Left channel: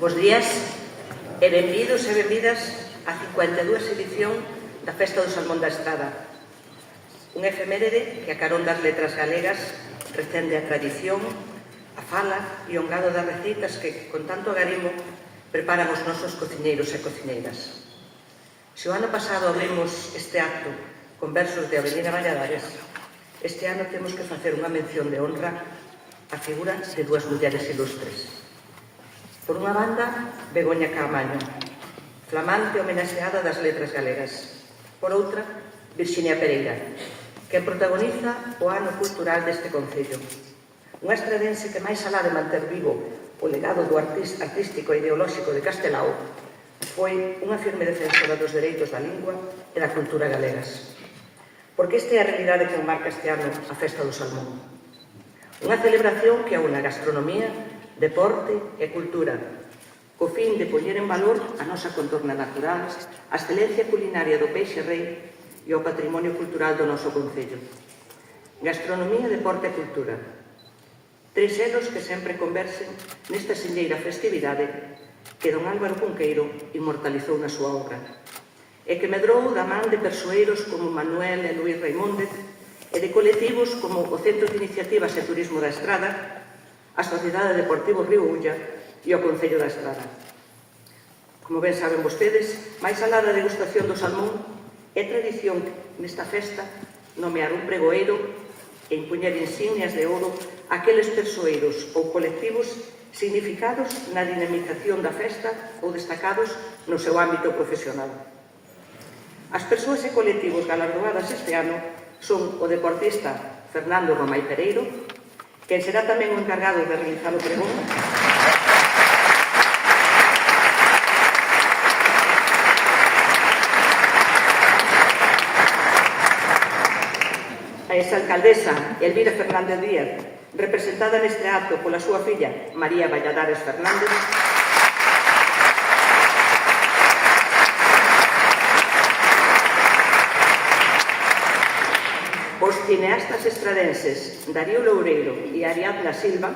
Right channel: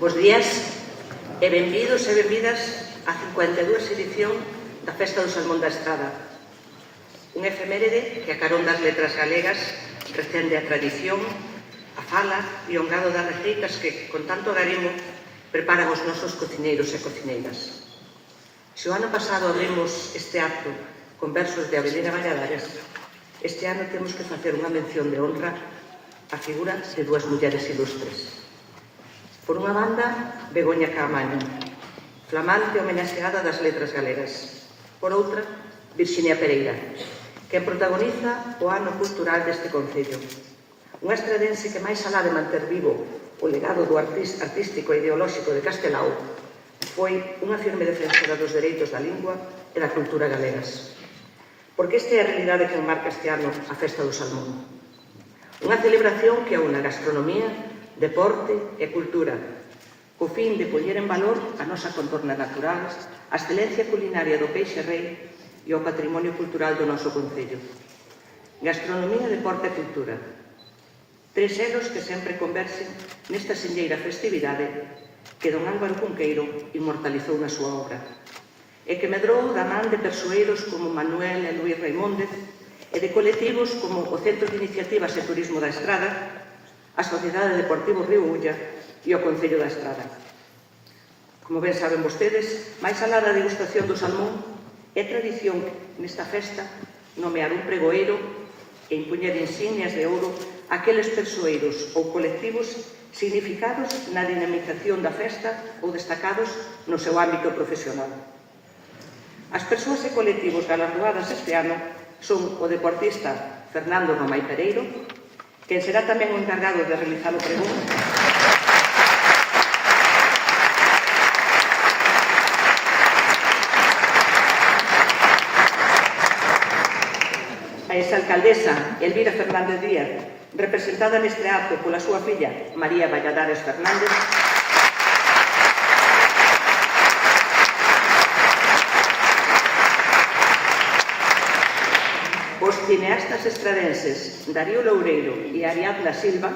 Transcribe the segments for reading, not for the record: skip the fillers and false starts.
Bos días e benvidos e benvidas á 52 edición da Festa do Salmón da Estrada, un efeméride que a carón das letras galegas recende a tradición, a fala e o engado das receitas que, con tanto agarimo, preparan os nosos cociñeiros e cociñeiras. Se o ano pasado abrimos este acto con versos de Avelina Valladares, este ano temos que facer unha mención de honra á figura de dúas mulleres ilustres. Por unha banda, Begoña Caamaño, flamante homenaxeada das letras galegas. Por outra, Virxinia Pereira, que protagoniza o ano cultural deste concello. Unha estradense que, máis alá de manter vivo o legado do artístico e ideolóxico de Castelao, foi unha firme defensora dos dereitos da lingua e da cultura galegas. Porque esta é a realidade que enmarca este ano a Festa do Salmón. Unha celebración que aúna gastronomía, deporte e cultura, co fin de poñer en valor a nosa contorna natural, a excelencia culinaria do peixe rei e o patrimonio cultural do noso concello. Gastronomía, deporte e cultura. Tres elos que sempre conversen nesta sinleira festividade que don Álvaro Cunqueiro inmortalizou na súa obra e que medrou da man de persoeiros como Manuel e Luís Raimóndez e de colectivos como o Centro de Iniciativas e Turismo da Estrada, a Sociedade Deportivo Río Ulla e o Concello da Estrada. Como ben saben vostedes, máis alá da degustación do salmón, é tradición nesta festa nomear un pregoeiro e impoñer insignias de ouro aqueles persoeiros ou colectivos significados na dinamización da festa ou destacados no seu ámbito profesional. As persoas e colectivos galardoadas este ano son o deportista Fernando Romai Pereiro, quen será tamén o encargado de realizar o pregón, a exalcaldesa Elvira Fernández Díaz, representada neste acto pola súa filla María Valladares Fernández, os cineastas estradenses Darío Loureiro e Ariadna Silva,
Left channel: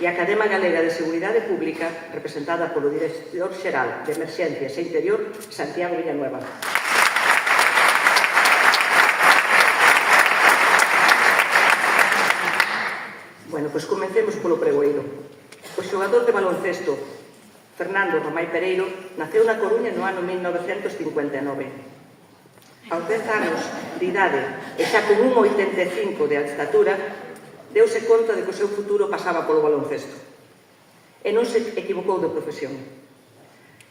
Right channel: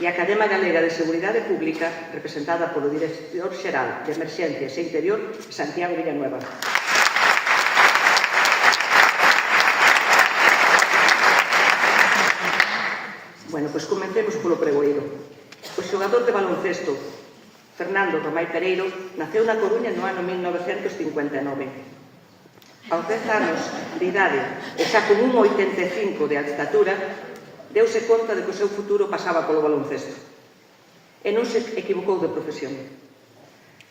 e a Academia Galega de Seguridade Pública, representada polo Director Xeral de Emerxencias e Interior, Santiago Villanueva. Bueno, pois comencemos polo pregoeiro. O xogador de baloncesto Fernando Romai Pereiro naceu na Coruña no ano 1959. Aos 10 anos de idade e xa con 1,85 de estatura, deuse conta de que o seu futuro pasaba polo baloncesto. E non se equivocou de profesión.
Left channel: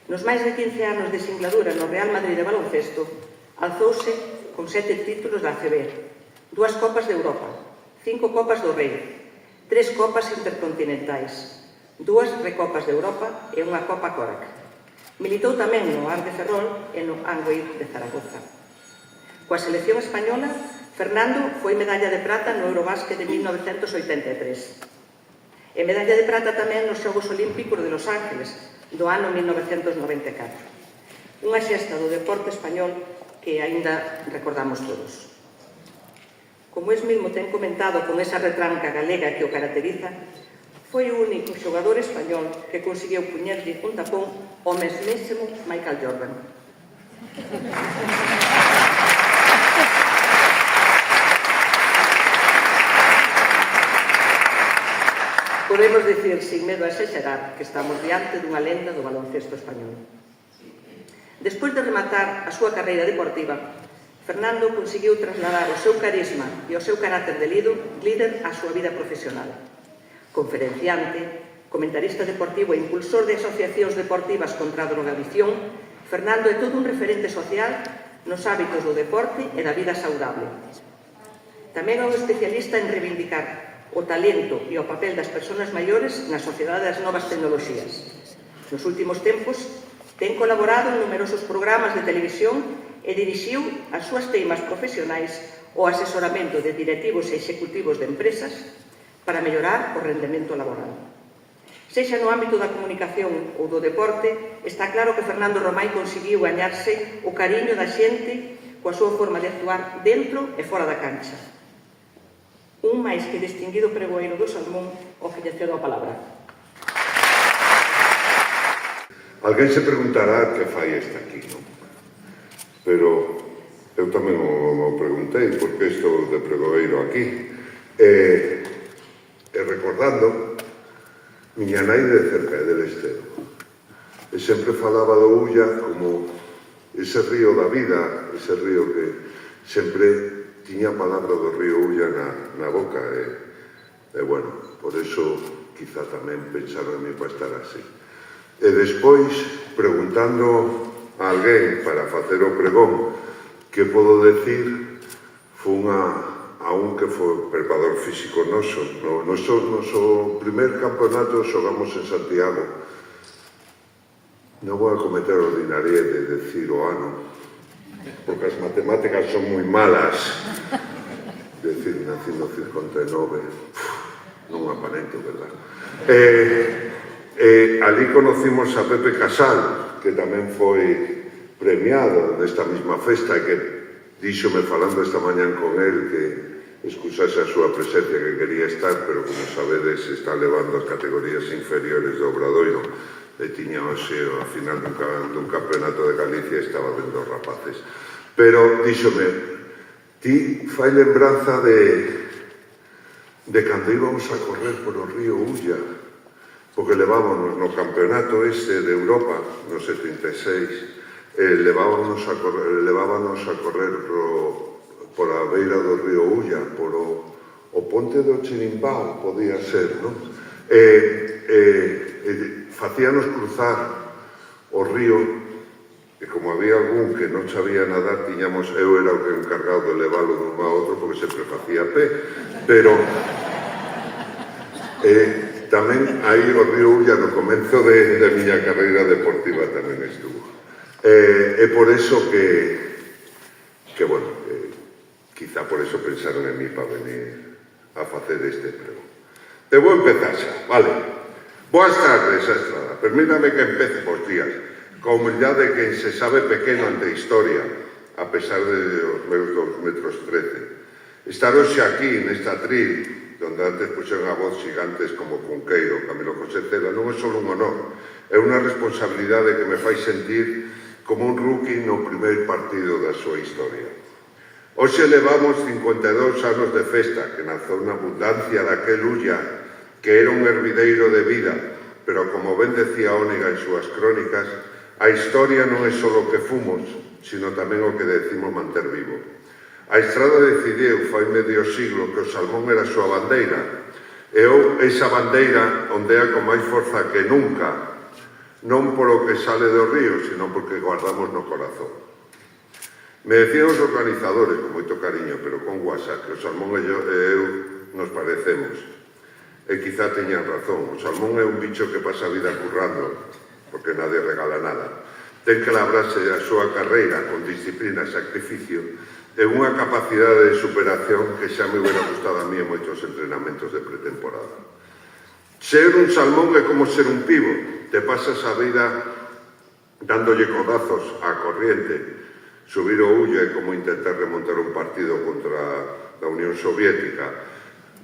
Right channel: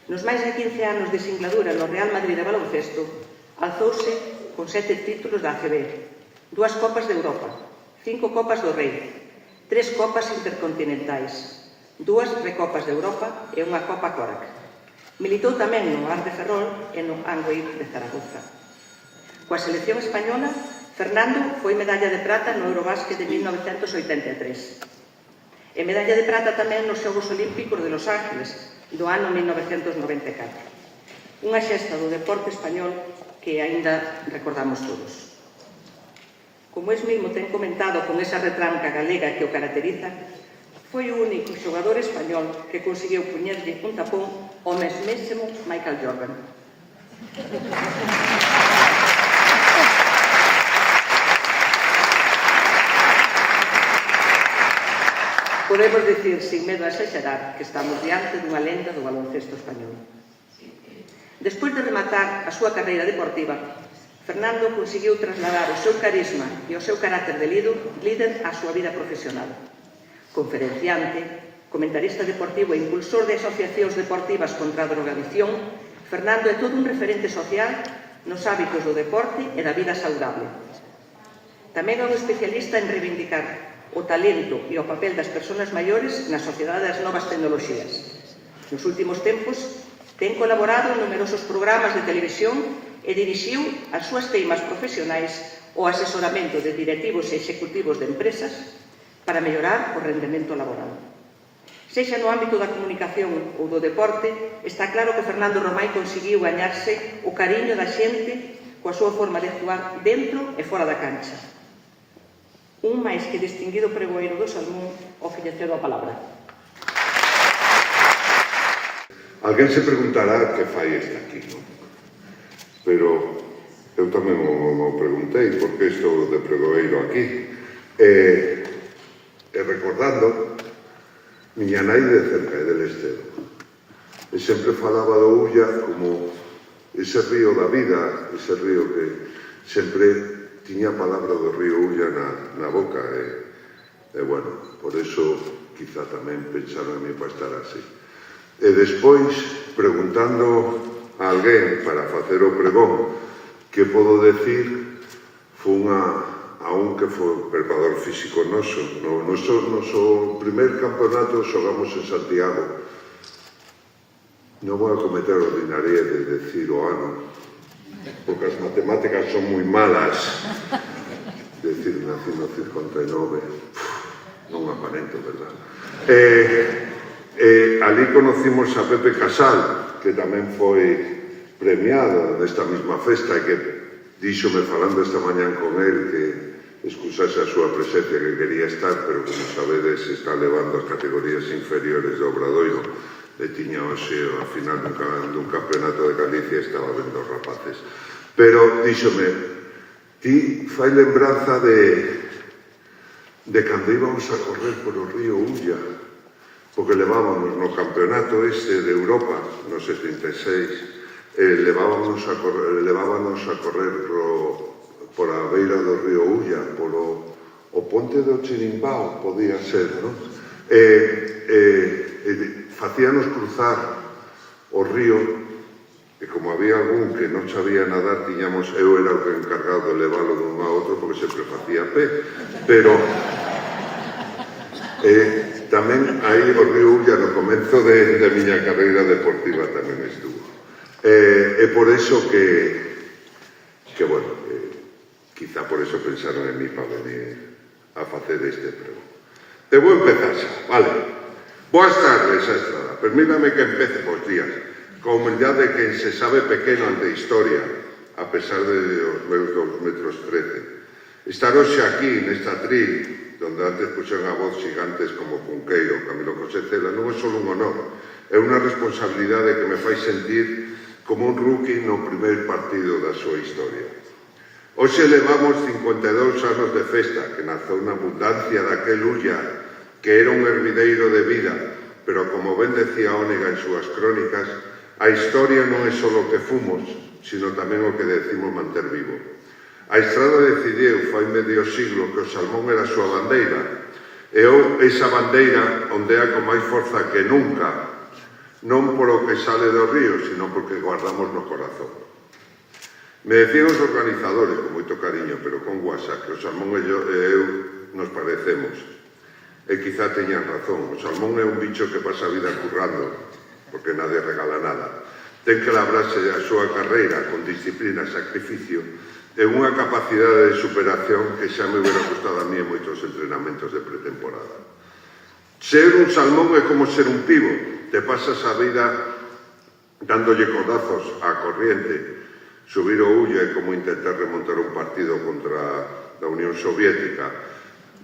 Nos máis de 15 anos de singladura no Real Madrid de baloncesto, alzouse con 7 títulos da ACB, 2 Copas de Europa, 5 Copas do Rei, 3 Copas Intercontinentais, 2 Recopas de Europa e unha Copa Corac. Militou tamén no Ar de Ferrol e no Angoir de Zaragoza. Coa selección española, Fernando foi medalla de prata no Eurobásquet de 1983 e medalla de prata tamén nos Xogos Olímpicos de Los Ángeles do ano 1994. Unha xesta do deporte español que aínda recordamos todos. Como es mesmo ten comentado con esa retranca galega que o caracteriza, foi o único xogador español que conseguiu puñerlle un tapón ao mesmísimo Michael Jordan. Podemos dicir, sin medo a exagerar, que estamos diante dunha lenda do baloncesto español. Despois de rematar a súa carreira deportiva, Fernando conseguiu trasladar o seu carisma e o seu carácter de líder á súa vida profesional. Conferenciante, comentarista deportivo e impulsor de asociacións deportivas contra a drogadicción, Fernando é todo un referente social nos hábitos do deporte e da vida saudable. Tamén é un especialista en reivindicar o talento e o papel das persoas maiores na sociedade das novas tecnoloxías. Nos últimos tempos, ten colaborado en numerosos programas de televisión e dirixiu as súas teimas profesionais o asesoramento de directivos e executivos de empresas para mellorar o rendemento laboral. Sexa no ámbito da comunicación ou do deporte, está claro que Fernando Romai conseguiu gañarse o cariño da xente coa súa forma de actuar dentro e fora da cancha. Un máis que distinguido pregoeiro do Salmón, o que lle cedo a palabra. Alguén se preguntará que fai este aquí, non? Pero eu tamén o preguntei por que estou de pregoeiro aquí. E recordando, miña nai de cerca de Lestedo. E sempre falaba do Ulla como ese río da vida, ese río que sempre tiña a palabra do río Ulla na boca. E bueno, por eso quizá tamén pensaron en mí para estar así. E despois, preguntando a alguén para facer o pregón, que podo decir, fun a un que foi preparador físico noso. No noso primer campeonato xogamos en Santiago. Non vou a cometer a ordinaria de decir o ano, porque as matemáticas son moi malas. Decir, nací no 59, non aparento, verdad? Ali conocimos a Pepe Casal, que tamén foi premiado nesta mesma festa, e que díxome falando esta mañán con él que excusase a súa presencia, que quería estar, pero como sabedes está levando as categorías inferiores do Obradoiro, e tiña hoxe a final dun campeonato de Galicia e estaba vendo rapaces. Pero díxome, ti fai lembranza de cando íbamos a correr por o río Ulla, porque levábamos no campeonato este de Europa, no 76, levábamos a correr por a beira do río Ulla, por o ponte do Chirimbao, podía ser, non? Facíanos cruzar o río, e como había algún que non sabía nadar, tiñamos, eu era o que encargado de leválo dun a outro, porque sempre facía pé, pero tamén aí o río Ulla no comenzo de miña carreira deportiva tamén estuvo. É por eso que bueno, quizá por eso pensaron en mí para venir a facer este prego. Te vou empezar xa, vale? Boas tardes, Estrada. Permítame que empece por días, con humildade que se sabe pequeno ante a historia, a pesar de os meus 2 metros 13. Estar hoxe aquí, nesta atril, donde antes puxeron a voz gigantes como Cunqueiro, Camilo José Cela, non é só un honor, é unha responsabilidade que me fai sentir como un rookie no primeiro partido da súa historia. Hoxe levamos 52 anos de festa, que nazou na abundancia daquel Ulla, que era un hervideiro de vida, pero como ben decía Ónega en súas crónicas, a historia non é só o que fomos, sino tamén o que decimos manter vivo. A Estrada decidiu fai medio siglo que o Salmón era a súa bandeira, e esa bandeira ondea con máis forza que nunca, non polo que sale do río, sino porque guardamos no corazón. Me decían os organizadores, con moito cariño, pero con WhatsApp, que o Salmón e eu nos parecemos. E quizá teñan razón, o Salmón é un bicho que pasa a vida currando, porque nadie regala nada. Ten que labrarse a súa carreira con disciplina e sacrificio e unha capacidade de superación que xa me hubiera gustado a mí en moitos entrenamentos de pretemporada. Ser un Salmón é como ser un pivo, te pasas a vida dándolle codazos á corriente. Subir o Ulla é como intentar remontar un partido contra a Unión Soviética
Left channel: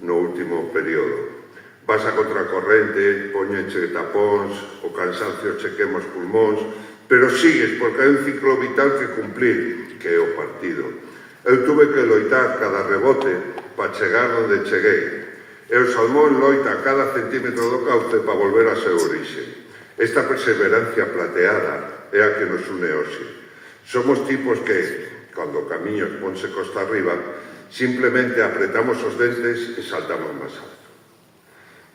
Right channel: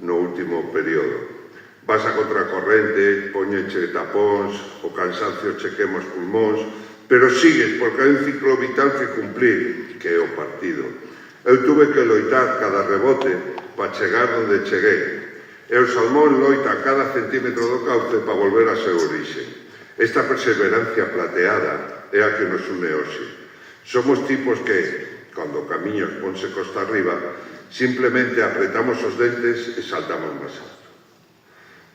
no último período. Vas a contracorrente, poñeche tapóns, o cansancio che quema os pulmóns, pero sigues porque hai un ciclo vital que cumplir, que é o partido. Eu tuve que loitar cada rebote para chegar onde cheguei. E o Salmón loita cada centímetro do cauce para volver a seu orixe. Esta perseverancia plateada é a que nos une hoxe. Somos tipos que, cando o camiño ponse costa arriba, simplemente apretamos os dentes e saltamos máis alto.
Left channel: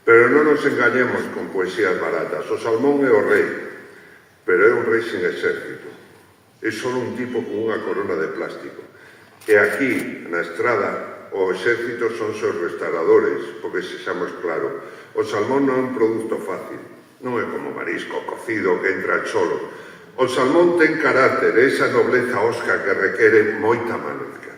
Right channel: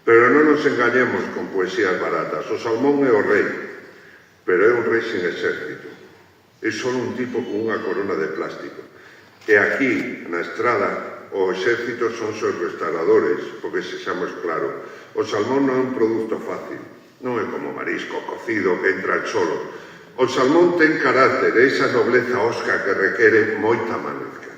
Pero non nos engañemos con poesías baratas. O Salmón é o rei, pero é un rei sin exército. É só un tipo con unha corona de plástico. E aquí, na Estrada, o exército son seus restauradores, porque sexamos claro, o Salmón non é un produto fácil, non é como marisco cocido que entra solo. O Salmón ten carácter, esa nobleza osca que requere moita manezca.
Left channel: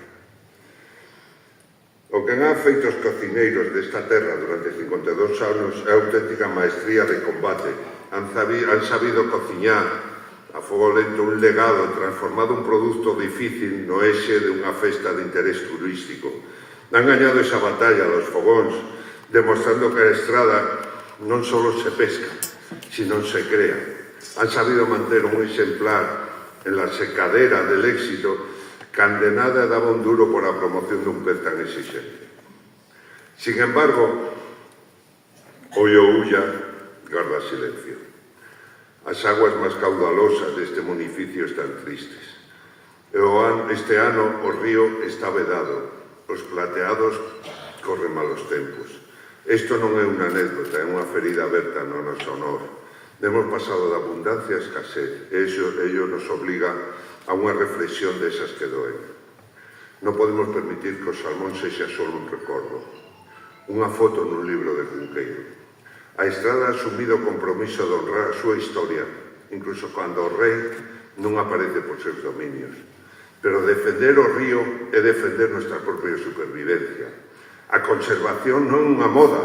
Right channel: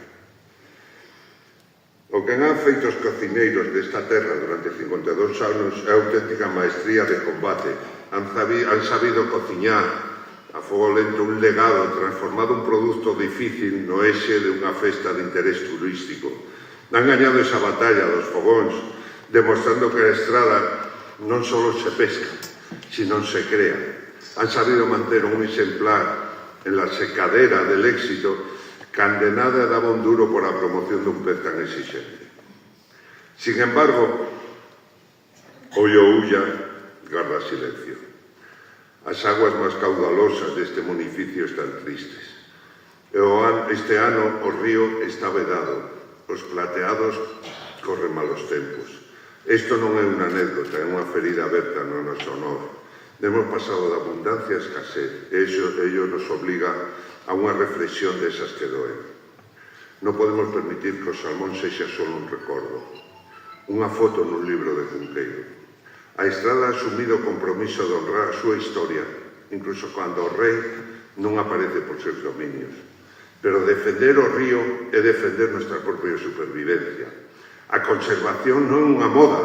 O que han feito os cocineiros desta terra durante 52 anos é auténtica maestría de combate. Han sabido cociñar a fogo lento un legado transformado un produto difícil no eixe de unha festa de interés turístico. Han gañado esa batalla dos fogóns, demostrando que a estrada non só se pesca, sino se crea. Han sabido manter un exemplar en la secadera del éxito, cande nada daba un duro por a promoción dun pez tan exigente. Sin embargo, Ollo Ulla garda silencio. As aguas máis caudalosas deste municipio están tristes. Este ano o río está vedado, os plateados corren malos tempos. Isto non é unha anécdota, é unha ferida aberta no noso honor. Hemos pasado de abundancia a escasez, e ello nos obliga a unha reflexión desas que doen. Non podemos permitir que o salmón sexa só un recordo, unha foto nun libro de Cunqueiro. A estrada ha asumido o compromiso de honrar a súa historia, incluso cando o rei non aparece por seus dominios. Pero defender o río é defender nuestra propia supervivencia. A conservación non é unha moda,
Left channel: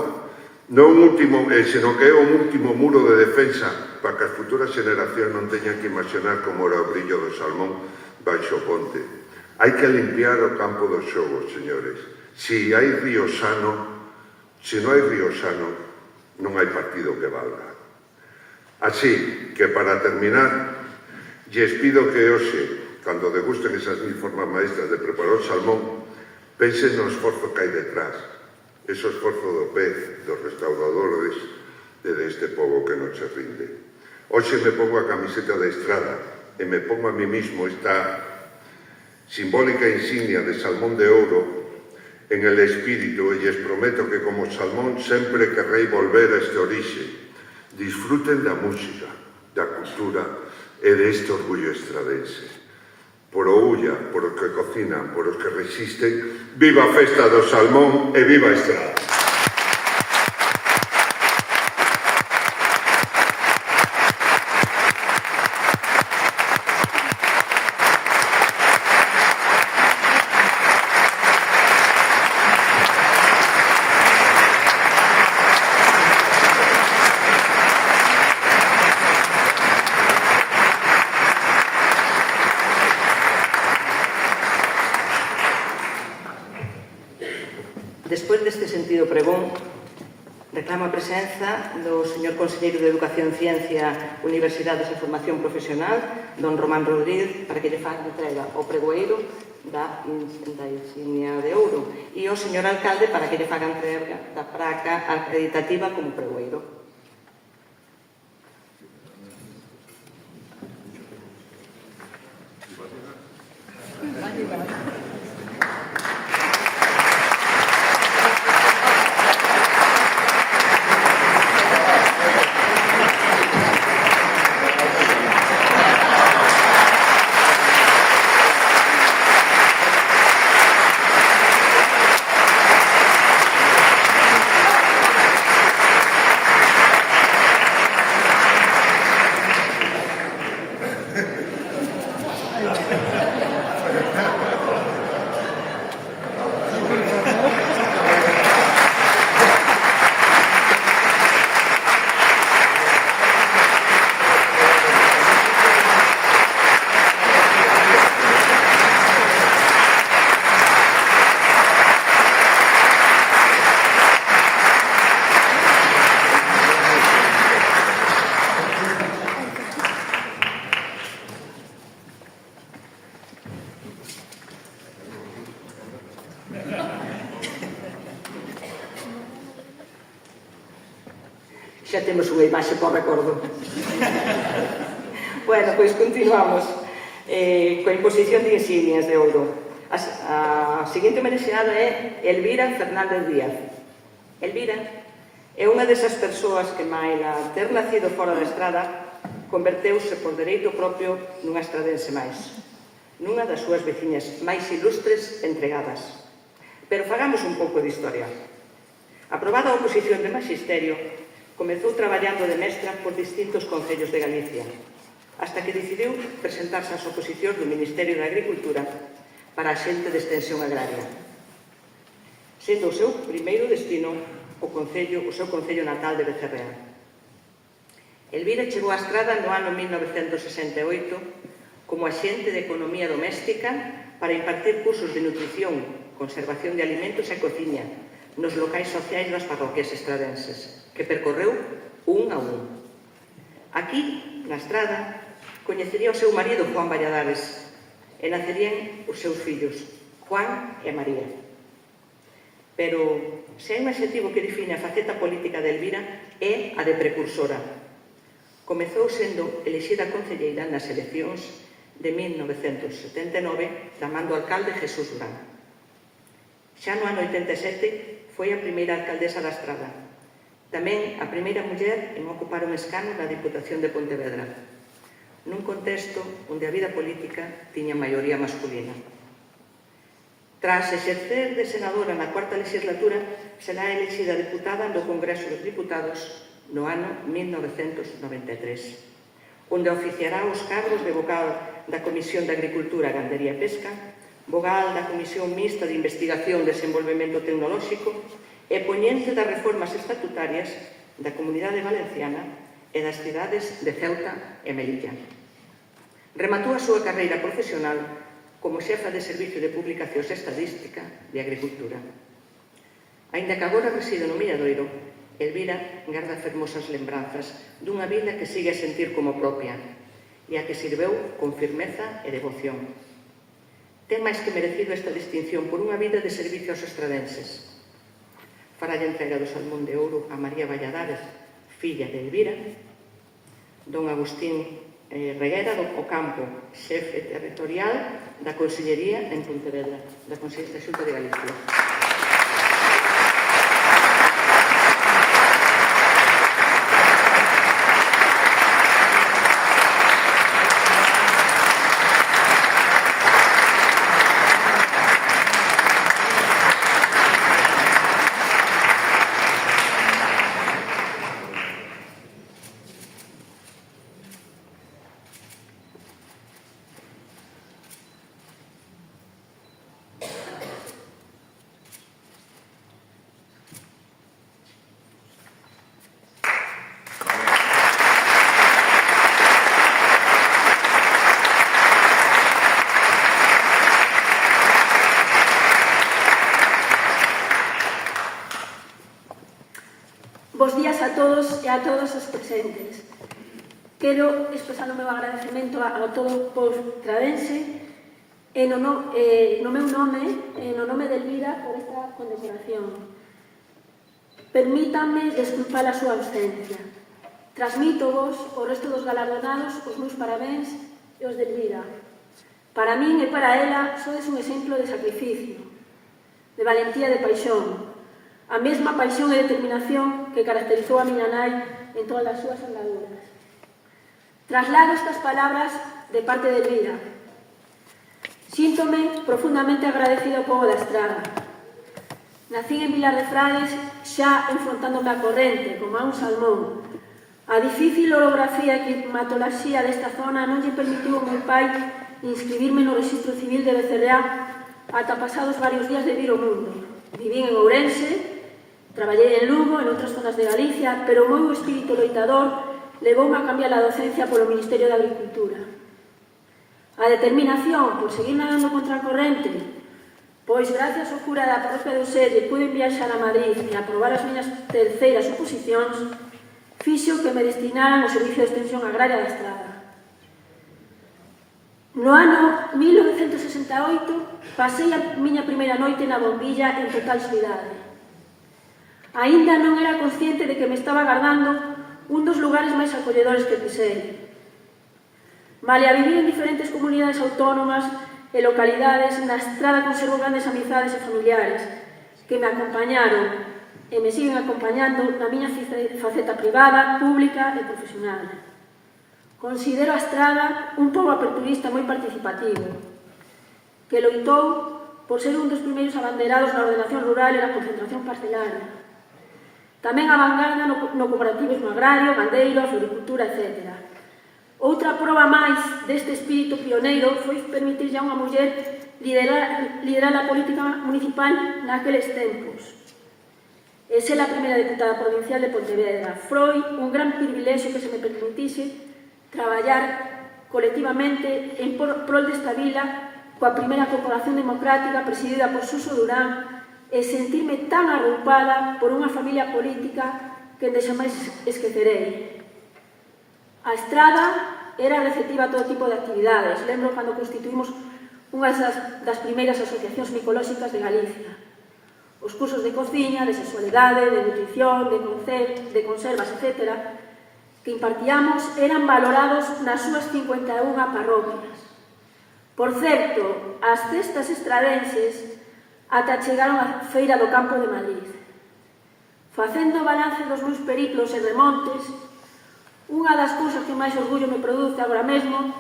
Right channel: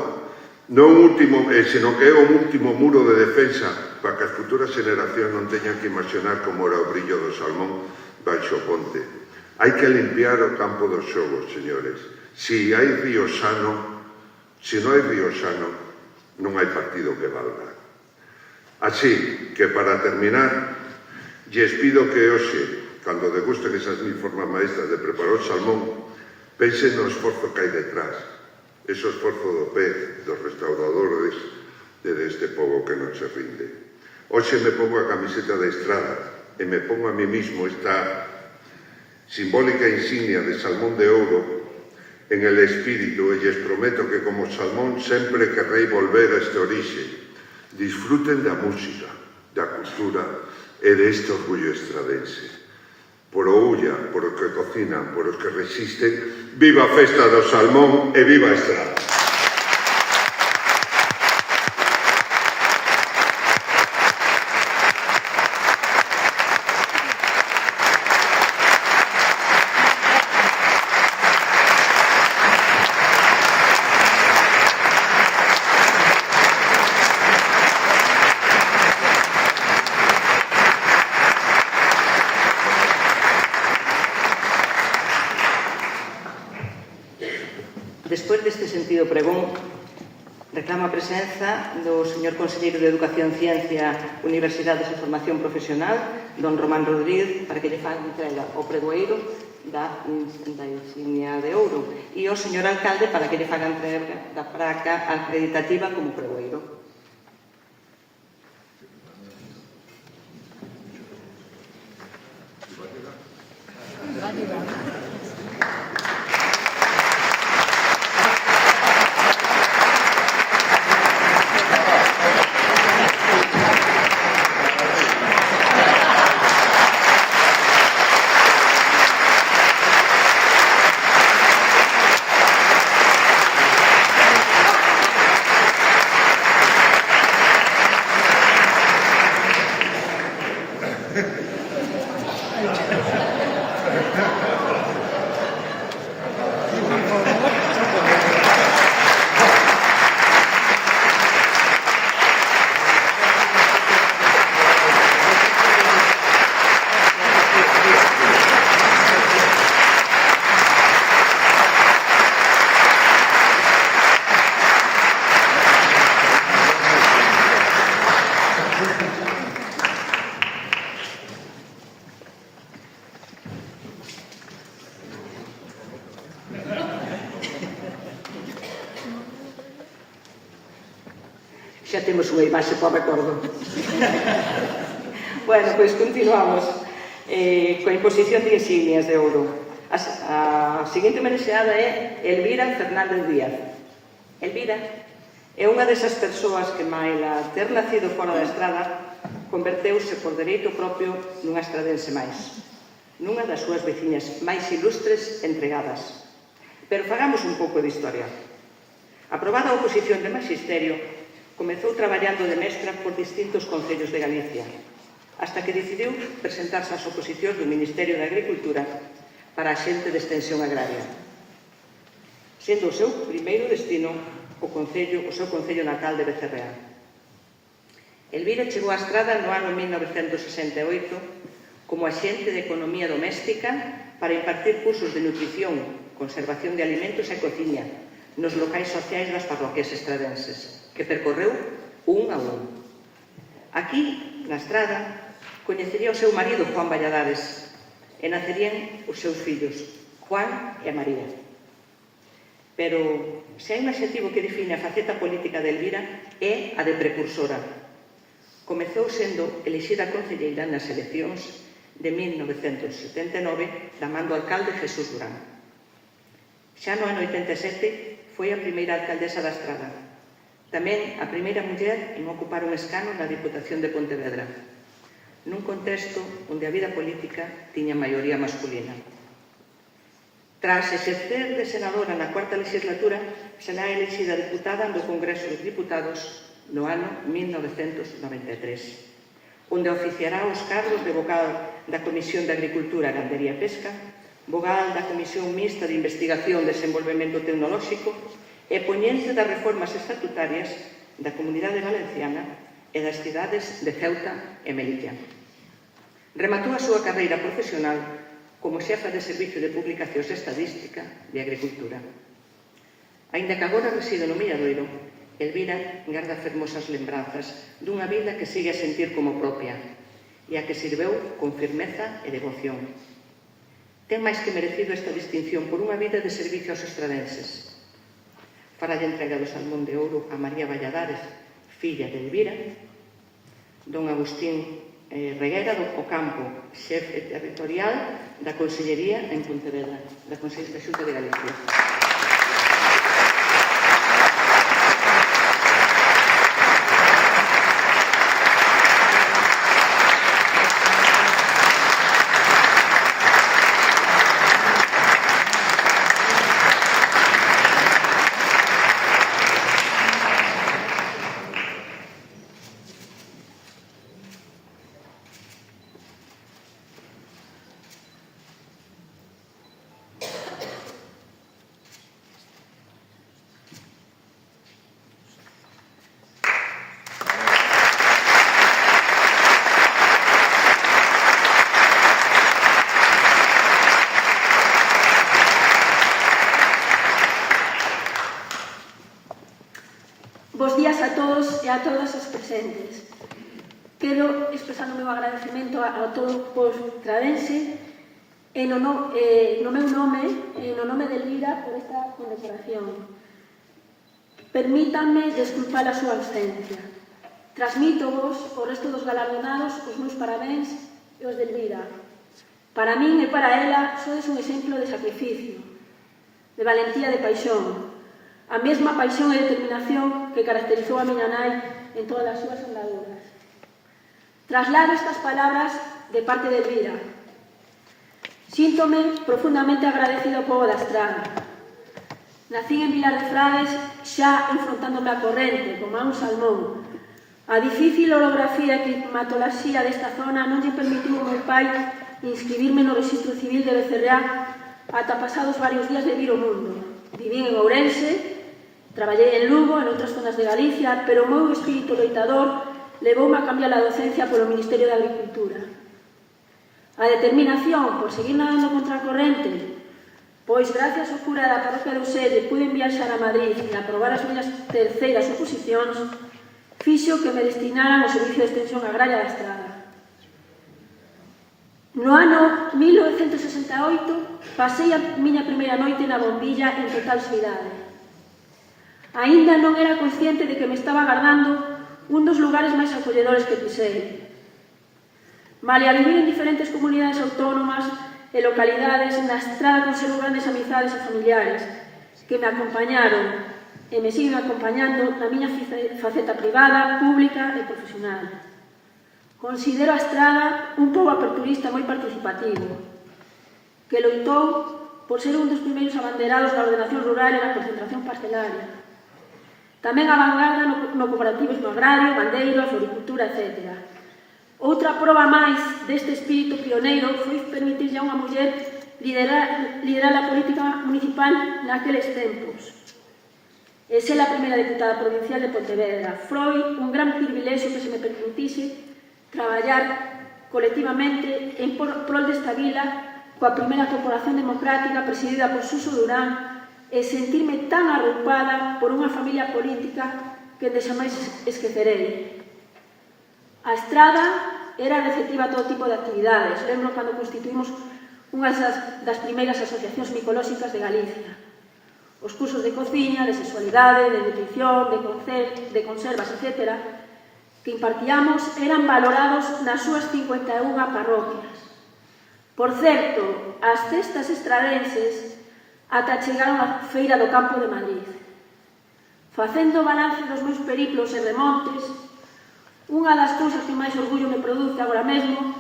senón que é un último muro de defensa para que as futuras generacións non teñan que imaginar como era o brillo do salmón baixo o ponte. Hai que limpiar o campo dos xogos, señores. Se non hai río sano, non hai partido que valga. Así que, para terminar, lles pido que hoxe, cando degusten esas 1000 formas maestras de preparar o salmón, pensen no esforzo que hai detrás, ese esforzo do pez, dos restauradores e deste pobo que non se rinde. Hoxe me pongo a camiseta de Estrada e me pongo a mí mismo esta simbólica insignia de salmón de ouro en el espírito, e lles prometo que como salmón sempre querrei volver a este orixe. Disfruten da música, da cultura e deste orgullo estradense. Por o Ulla, por os que cocinan, por os que resisten, viva a festa do salmón e viva a Estrada! Despois deste sentido pregón, reclamo a presenza do señor Conselleiro de Educación, Ciencia, Universidades e Formación Profesional, don Román Rodríguez, para que lle faga entrega o pregoeiro da insignia de ouro, e o señor Alcalde para que lle faga entrega da placa acreditativa como pregoeiro. Xa temos unha imaxe para o recordo. Bueno, pois continuamos coa imposición de insignias de ouro. A seguinte merexeada é Elvira Fernández Díaz. Elvira é unha desas persoas que, maila ter nacido fora da Estrada, converteuse por dereito propio nunha estradense máis, nunha das súas veciñas máis ilustres entregadas. Pero fagamos un pouco de historia. Aprobada a oposición de Magisterio, comezou traballando de mestra por distintos concellos de Galicia, hasta que decidiu presentarse ás oposicións do Ministerio de Agricultura para a xente de extensión agraria, sendo o seu primeiro destino o seu concello natal de Becerreá. Elvira chegou á Estrada no ano 1968 como axente de Economía Doméstica para impartir cursos de nutrición, conservación de alimentos e cociña nos locais sociais das parroquias estradenses, que percorreu un a un. Aquí, na Estrada, coñecería o seu marido Juan Valladares e nacerían os seus fillos, Juan e María. Pero, se hai un adxetivo que define a faceta política de Elvira, é a de precursora. Comezou sendo elexida concelleira nas eleccións de 1979 da man do alcalde Jesús Durán. Xa no ano 87 foi a primeira alcaldesa da Estrada, tamén a primeira muller en ocupar un escano na Diputación de Pontevedra, nun contexto onde a vida política tiña maioría masculina. Tras exercer de senadora na cuarta legislatura, será elexida diputada no Congreso dos Diputados no ano 1993, onde oficiará os cargos de vogal da Comisión de Agricultura, Gandería e Pesca, vogal da Comisión Mixta de Investigación e Desenvolvemento Tecnolóxico e poñente das reformas estatutarias da Comunidade Valenciana e das cidades de Ceuta e Melilla. Rematou a súa carreira profesional como xefa de Servicio de Publicacións Estadística de Agricultura. Aínda que agora reside no Milladoiro, Elvira garda fermosas lembranzas dunha vila que sigue a sentir como propia e a que sirveu con firmeza e devoción. Ten máis que merecido esta distinción por unha vida de servicio aos estradenses. Faralle entrega do Salmón de Ouro a María Valladares, filla de Elvira, don Agustín Reguera do Ocampo, xefe territorial da Consellería en Pontevedra, da Consellería da Xunta de Galicia. Bos días a todos e a todas os presentes. Quero expresar o meu agradecemento a todo o povo estradense e no meu nome e no nome de Elvira por esta condecoración. Permítanme desculpar a súa ausencia. Transmito-vos o resto dos galardonados os meus parabéns e os de Elvira. Para min e para ela sodes un exemplo de sacrificio, de valentía e de paixón, a mesma paixón e determinación que caracterizou a miña nai en todas as súas andaduras. Traslado estas palabras de parte de Elvira. Síntome profundamente agradecido ao pobo da Estrada. Nacín en Vilar de Frades xa enfrontándome á corrente, como a un salmón. A difícil orografía e climatoloxía desta zona non lle permitiu ao meu pai inscribirme no Rexistro Civil de Becerreá ata pasados varios días de vir ao mundo. Vivín en Ourense, traballei en Lugo, en outras zonas de Galicia, pero o meu espírito loitador levoume a cambiar a docencia polo Ministerio de Agricultura. A determinación por seguir nadando contra a corrente, pois gracias ao cura da parroquia de Uselle pude viaxar a Madrid e aprobar as miñas terceiras oposicións, fixo que me destinaran ao Servicio de Extensión Agraria da Estrada. No ano 1968 pasei a miña primeira noite na Bombilla en total soidade. Aínda non era consciente de que me estaba agardando un dos lugares máis acolledores que pisei. Male a vivir en diferentes comunidades autónomas e localidades, na Estrada conservo grandes amizades e familiares que me acompañaron e me siguen acompañando na miña faceta privada, pública e profesional. Considero a Estrada un pobo aperturista moi participativo, que loitou por ser un dos primeiros abanderados na ordenación rural e na concentración parcelaria. Tamén a vanguarda no cooperativismo agrario, gandeiro, floricultura, etc. Outra proba máis deste espírito pioneiro foi permitirlle a unha muller liderar a política municipal naqueles tempos. e ser a primeira deputada provincial de Pontevedra. Foi un gran privilexio que se me permitise traballar colectivamente en prol desta vila coa primeira corporación democrática presidida por Suso Durán e sentirme tan arroupada por unha familia política que deixamais esquecerei. A Estrada era receptiva a todo tipo de actividades. Lembro cando constituímos unha das primeiras asociacións micolóxicas de Galicia. Os cursos de cociña, de sexualidade, de nutrición, de conservas, etc., que impartíamos eran valorados nas súas 51 parroquias. Por certo, as cestas estradenses ata chegaron á Feira do Campo de Madrid. Facendo balance dos meus periplos e remontes, unha das cousas que máis orgullo me produce agora mesmo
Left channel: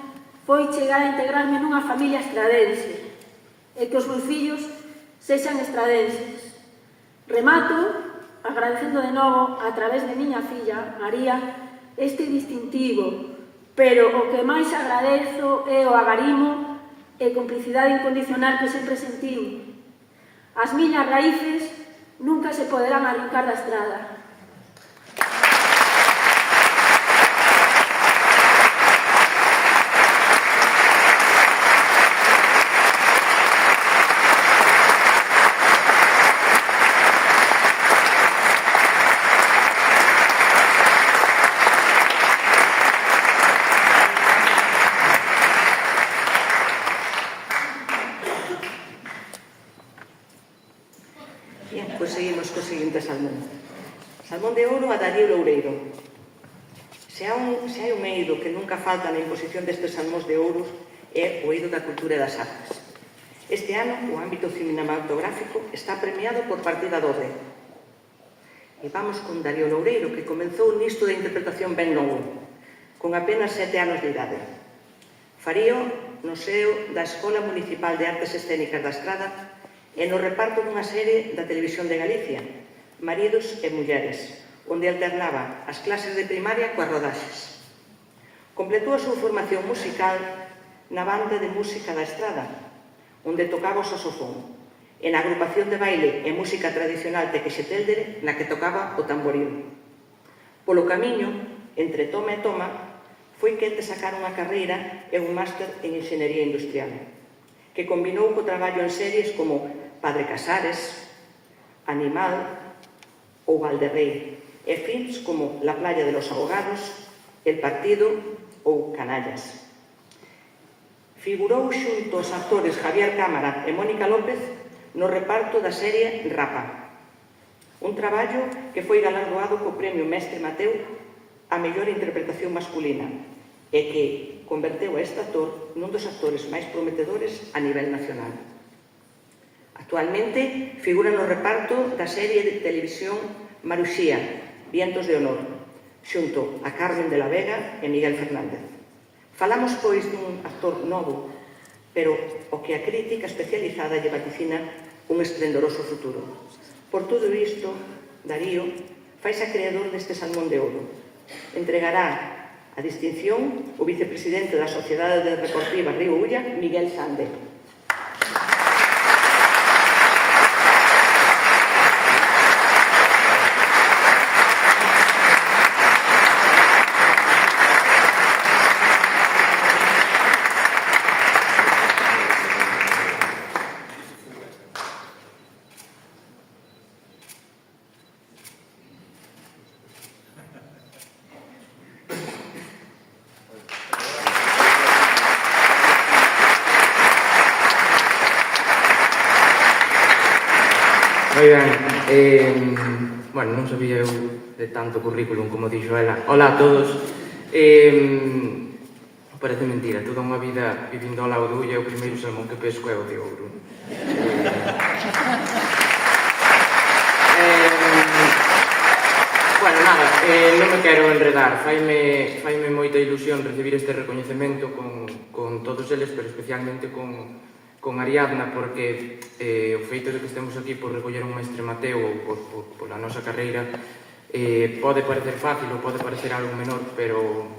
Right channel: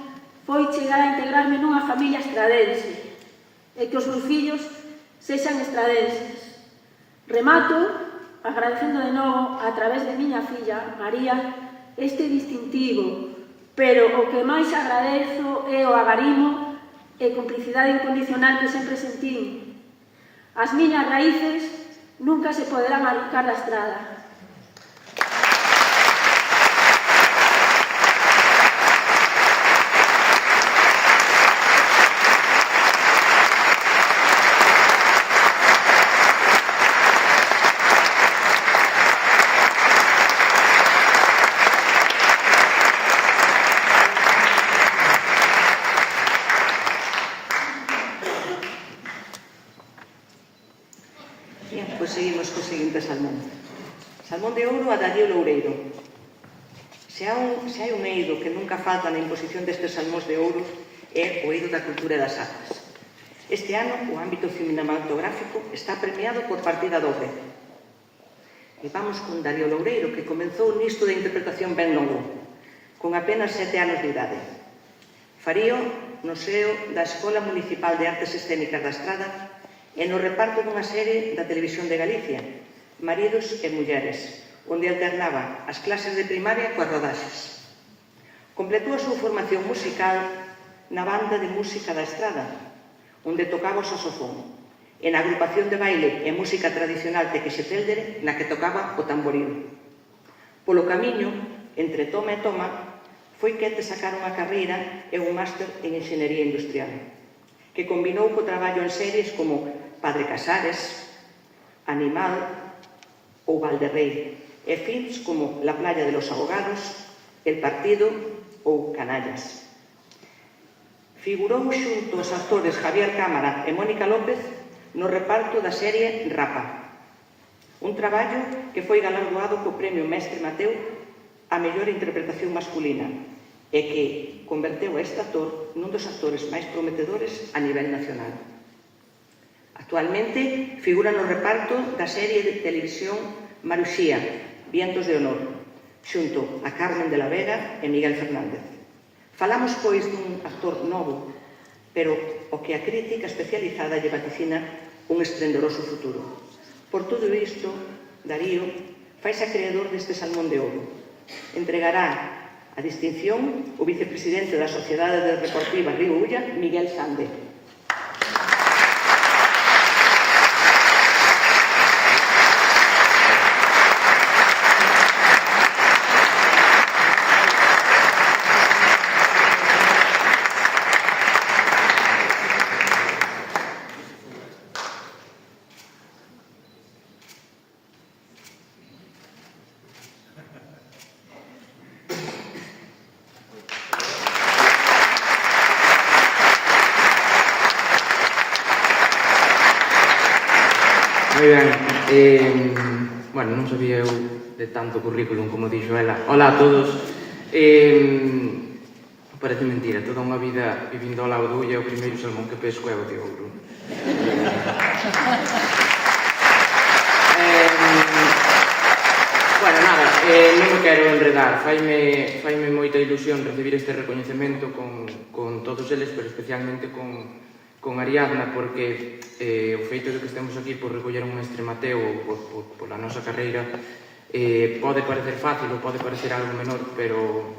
foi chegar a integrarme nunha familia estradense e que os meus fillos sexan estradenses. Remato agradecendo de novo a través de miña filla, María, este distintivo, pero o que máis agradezo é o agarimo e complicidade incondicional que sempre sentín. As miñas raíces nunca se poderán arrancar da Estrada. Seguimos co seguinte salmón. Salmón de ouro a Darío Loureiro. Se hai un eido que nunca falta na imposición destes salmóns de ouro é o eido da cultura e das artes. Este ano, o ámbito cinematográfico está premiado por partida dobre. E vamos con Darío Loureiro, que comenzou nisto de interpretación ben novo, con apenas 7 anos de idade. Farío no seo da Escola Municipal de Artes Escénicas da Estrada e no reparto dunha serie da Televisión de Galicia, Maridos e Mulleres, onde alternaba as clases de primaria coas rodaxes. Completou a súa formación musical na banda de música da Estrada, onde tocaba o saxofón, e na agrupación de baile e música tradicional Tequesetéldere, na que tocaba o tamboril. Polo camiño, entre toma e toma, foi que te sacar unha carreira e un máster en Enxeñería Industrial, que combinou co traballo en series como Padre Casares, Animal ou Valderrey, e films como La playa de los ahogados, El partido ou Canallas. Figurou xunto aos actores Javier Cámara e Mónica López no reparto da serie Rapa, un traballo que foi galardoado co Premio Mestre Mateu a mellor interpretación masculina e que converteu a este actor nun dos actores máis prometedores a nivel nacional. Actualmente figura no reparto da serie de televisión Maruxía, Vientos de Honor, xunto a Carmen de la Vega e Miguel Fernández. Falamos, pois, dun actor novo, pero o que a crítica especializada lle vaticina un esplendoroso futuro. Por todo isto, Darío faise acreedor deste salmón de ouro. Entregará a distinción o vicepresidente da Sociedade Deportiva Río Ulla, Miguel Sande. Moi ben, bueno, non sabía eu de tanto currículum como dixo ela. Ola a todos. Parece mentira, toda unha vida vivindo ao lado do Ulla, o primeiro salmón que pesco é o de ouro. Bueno, nada, non me quero enredar. Faime moita ilusión recibir este recoñecemento con todos eles, pero especialmente con Ariadna, porque o feito de que estemos aquí por recoller un mestre Mateu ou pola nosa carreira pode parecer fácil ou pode parecer algo menor, pero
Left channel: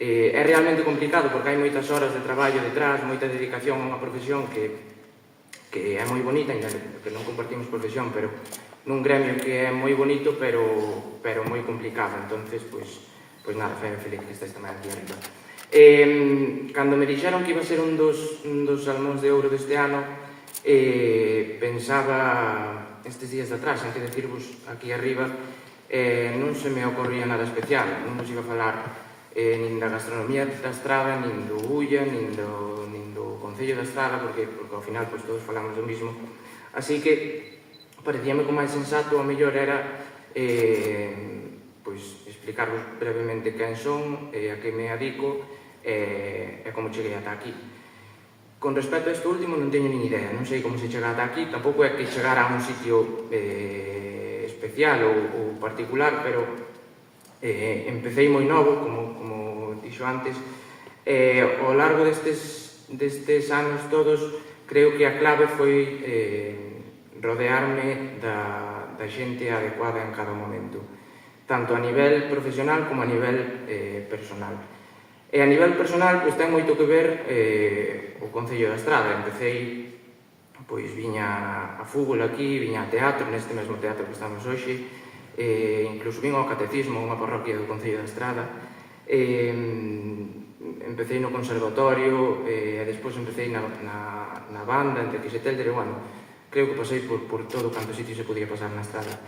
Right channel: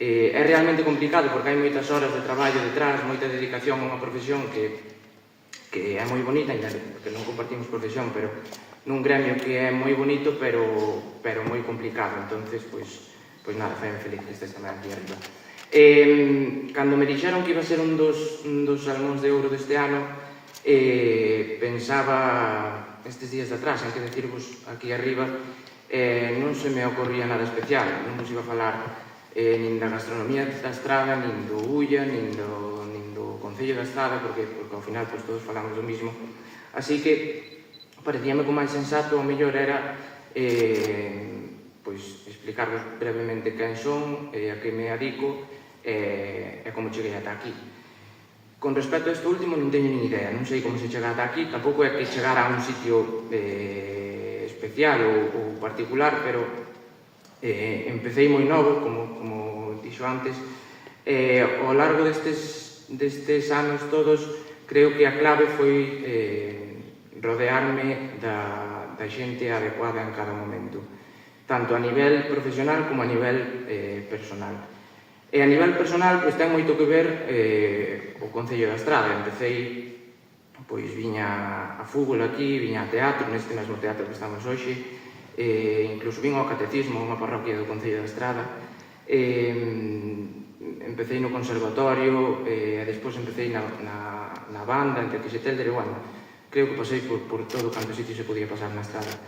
é realmente complicado porque hai moitas horas de traballo detrás, moita dedicación a unha profesión que que é moi bonita, ainda que non compartimos profesión, pero nun gremio que é moi bonito, pero moi complicado. Entonces, pois nada, foi feliz que estés tamén aquí arriba. Cando me dixeron que iba a ser un dos Salmóns de Ouro deste ano, pensaba estes días de atrás, antes de decirvos aquí arriba, non se me ocorría nada especial, non vos iba a falar nin da gastronomía da Estrada, nin do Ulla, nin do Concello da Estrada, porque ao final todos falamos do mismo. Así que parecíame que o máis sensato, a mellor, era explicarvos brevemente quen son, a que me adico e como cheguei ata aquí. Con respecto a isto último non teño nin idea, non sei como se chega ata aquí, tampouco é que chegara a un sitio especial ou particular, pero empecé moi novo, como dixo antes, ao largo destes anos todos, creo que a clave foi rodearme da xente adecuada en cada momento, tanto a nivel profesional como a nivel personal. E a nivel personal, ten moito que ver o Concello da Estrada. Empecei, viña a fútbol aquí, viña a teatro, neste mesmo teatro que estamos hoxe, incluso vim ao catecismo, unha parroquia do Concello da Estrada. Empecei no conservatorio, e despois empecei na banda, entre que se telder, creo que pasei por todo canto sitio se podía pasar na Estrada.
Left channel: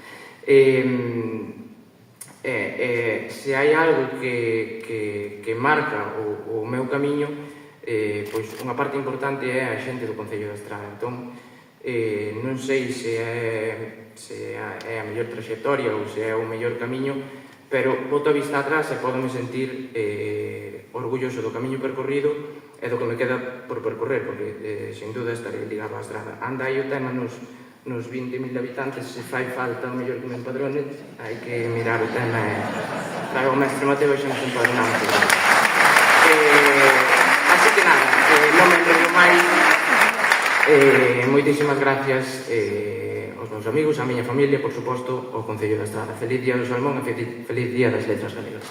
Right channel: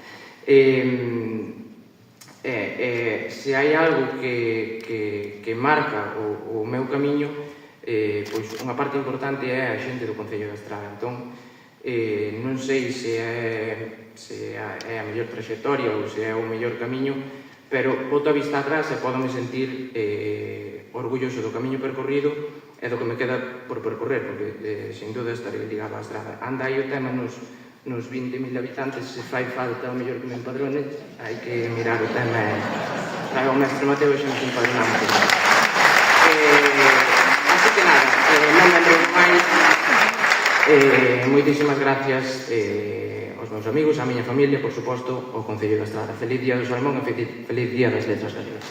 Se hai algo que marca o meu camiño, unha parte importante é a xente do Concello da Estrada. Entón, non sei se é a mellor trayectoria ou se é o mellor camiño, pero boto a vista atrás e podome sentir orgulloso do camiño percorrido e do que me queda por percorrer, porque sin duda estarei ligado á Estrada. Anda aí o tema nos 20.000 habitantes, se fai falta o mellor que me empadrone, hai que mirar o tema e trago o mestre Mateo e xa nos empadronamos. Así que nada, non me enredo máis. Moitísimas gracias aos meus amigos, á miña familia, por suposto, ao Concello da Estrada. Feliz Día do Salmón e feliz Día das Letras Galegas.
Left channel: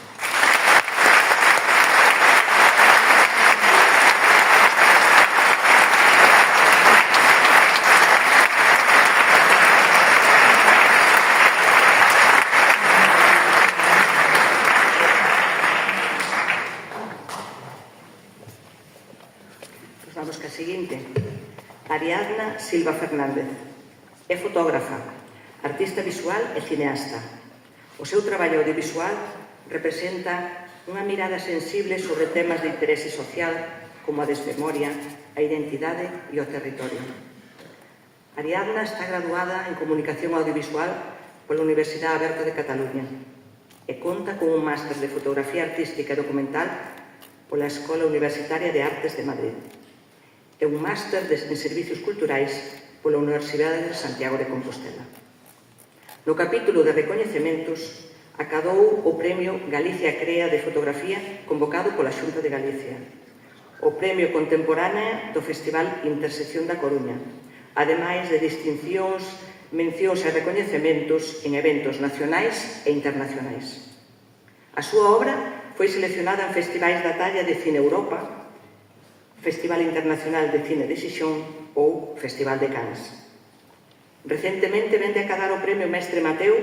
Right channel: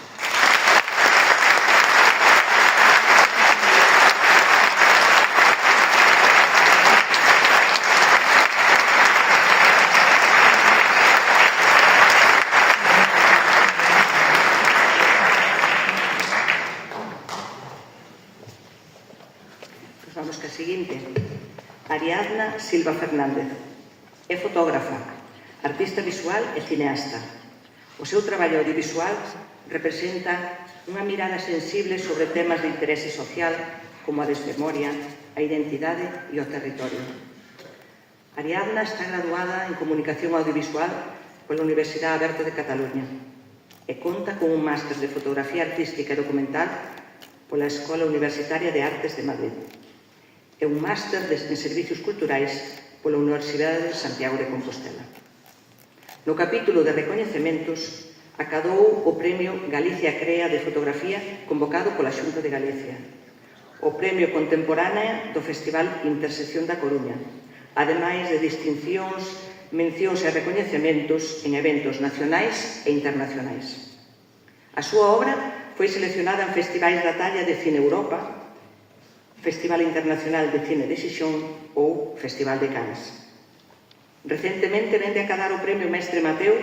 Vamos ca seguinte. Ariadna Silva Fernández. É fotógrafa, artista visual e cineasta. O seu traballo audiovisual representa unha mirada sensible sobre temas de interese social como a desmemoria, a identidade e o territorio. Ariadna está graduada en Comunicación Audiovisual pola Universidade Aberta de Cataluña e conta con un máster de Fotografía Artística e Documental pola Escola Universitaria de Artes de Madrid e un máster en Servicios Culturais pola Universidade de Santiago de Compostela. No capítulo de recoñecementos, acadou o Premio Galicia Crea de Fotografía convocado pola Xunta de Galicia, o Premio Contemporánea do Festival Intersección da Coruña, ademais de distincións, mencións e recoñecementos en eventos nacionais e internacionais. A súa obra foi seleccionada en festivais da talla de Cine Europa, Festival Internacional de Cine de Xixón ou Festival de Cannes. Recentemente vende a acadar o Premio Mestre Mateo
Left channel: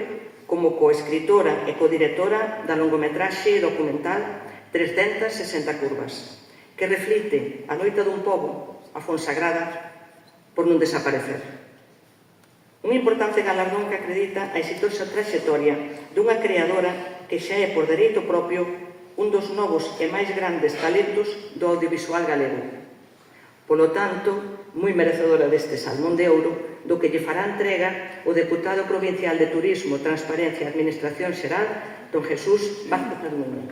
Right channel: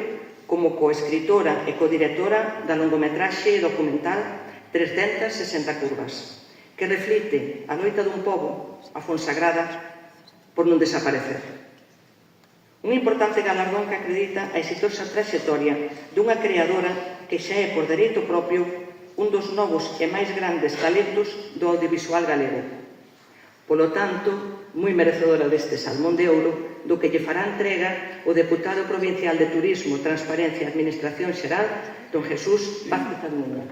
como coescritora e codirectora da longometraxe documental 360 curvas, que reflite a loita dun pobo, a Fonsagrada, por non desaparecer. Un importante galardón que acredita a exitosa trayectoria dunha creadora que xa é por dereito propio un dos novos e máis grandes talentos do audiovisual galego. Polo tanto, moi merecedora deste Salmón de Ouro, do que lle fará entrega o deputado provincial de Turismo, Transparencia e Administración Xeral, don Jesús Vázquez Armiña.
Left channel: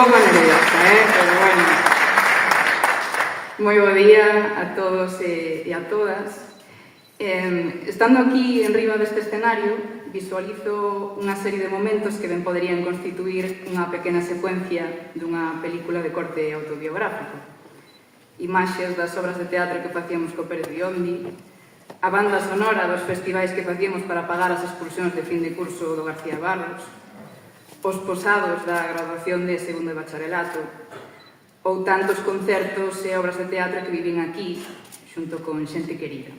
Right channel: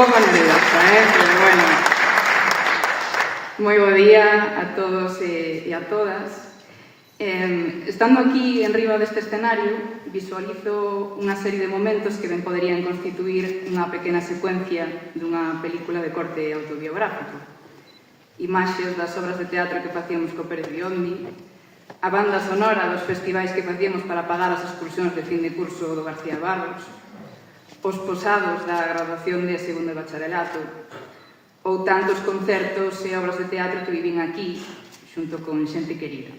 pouco nerviosa, pero bueno. Moi bo día a todos e a todas. Estando aquí en riba deste escenario, visualizo unha serie de momentos que ben poderían constituir unha pequena secuencia dunha película de corte autobiográfico. Imaxes das obras de teatro que facíamos co Pérez Biondi, a banda sonora dos festivais que facíamos para pagar as excursións de fin de curso do García Barros, os posados da graduación de segundo de bacharelato, ou tantos concertos e obras de teatro que vivín aquí, xunto con xente querida.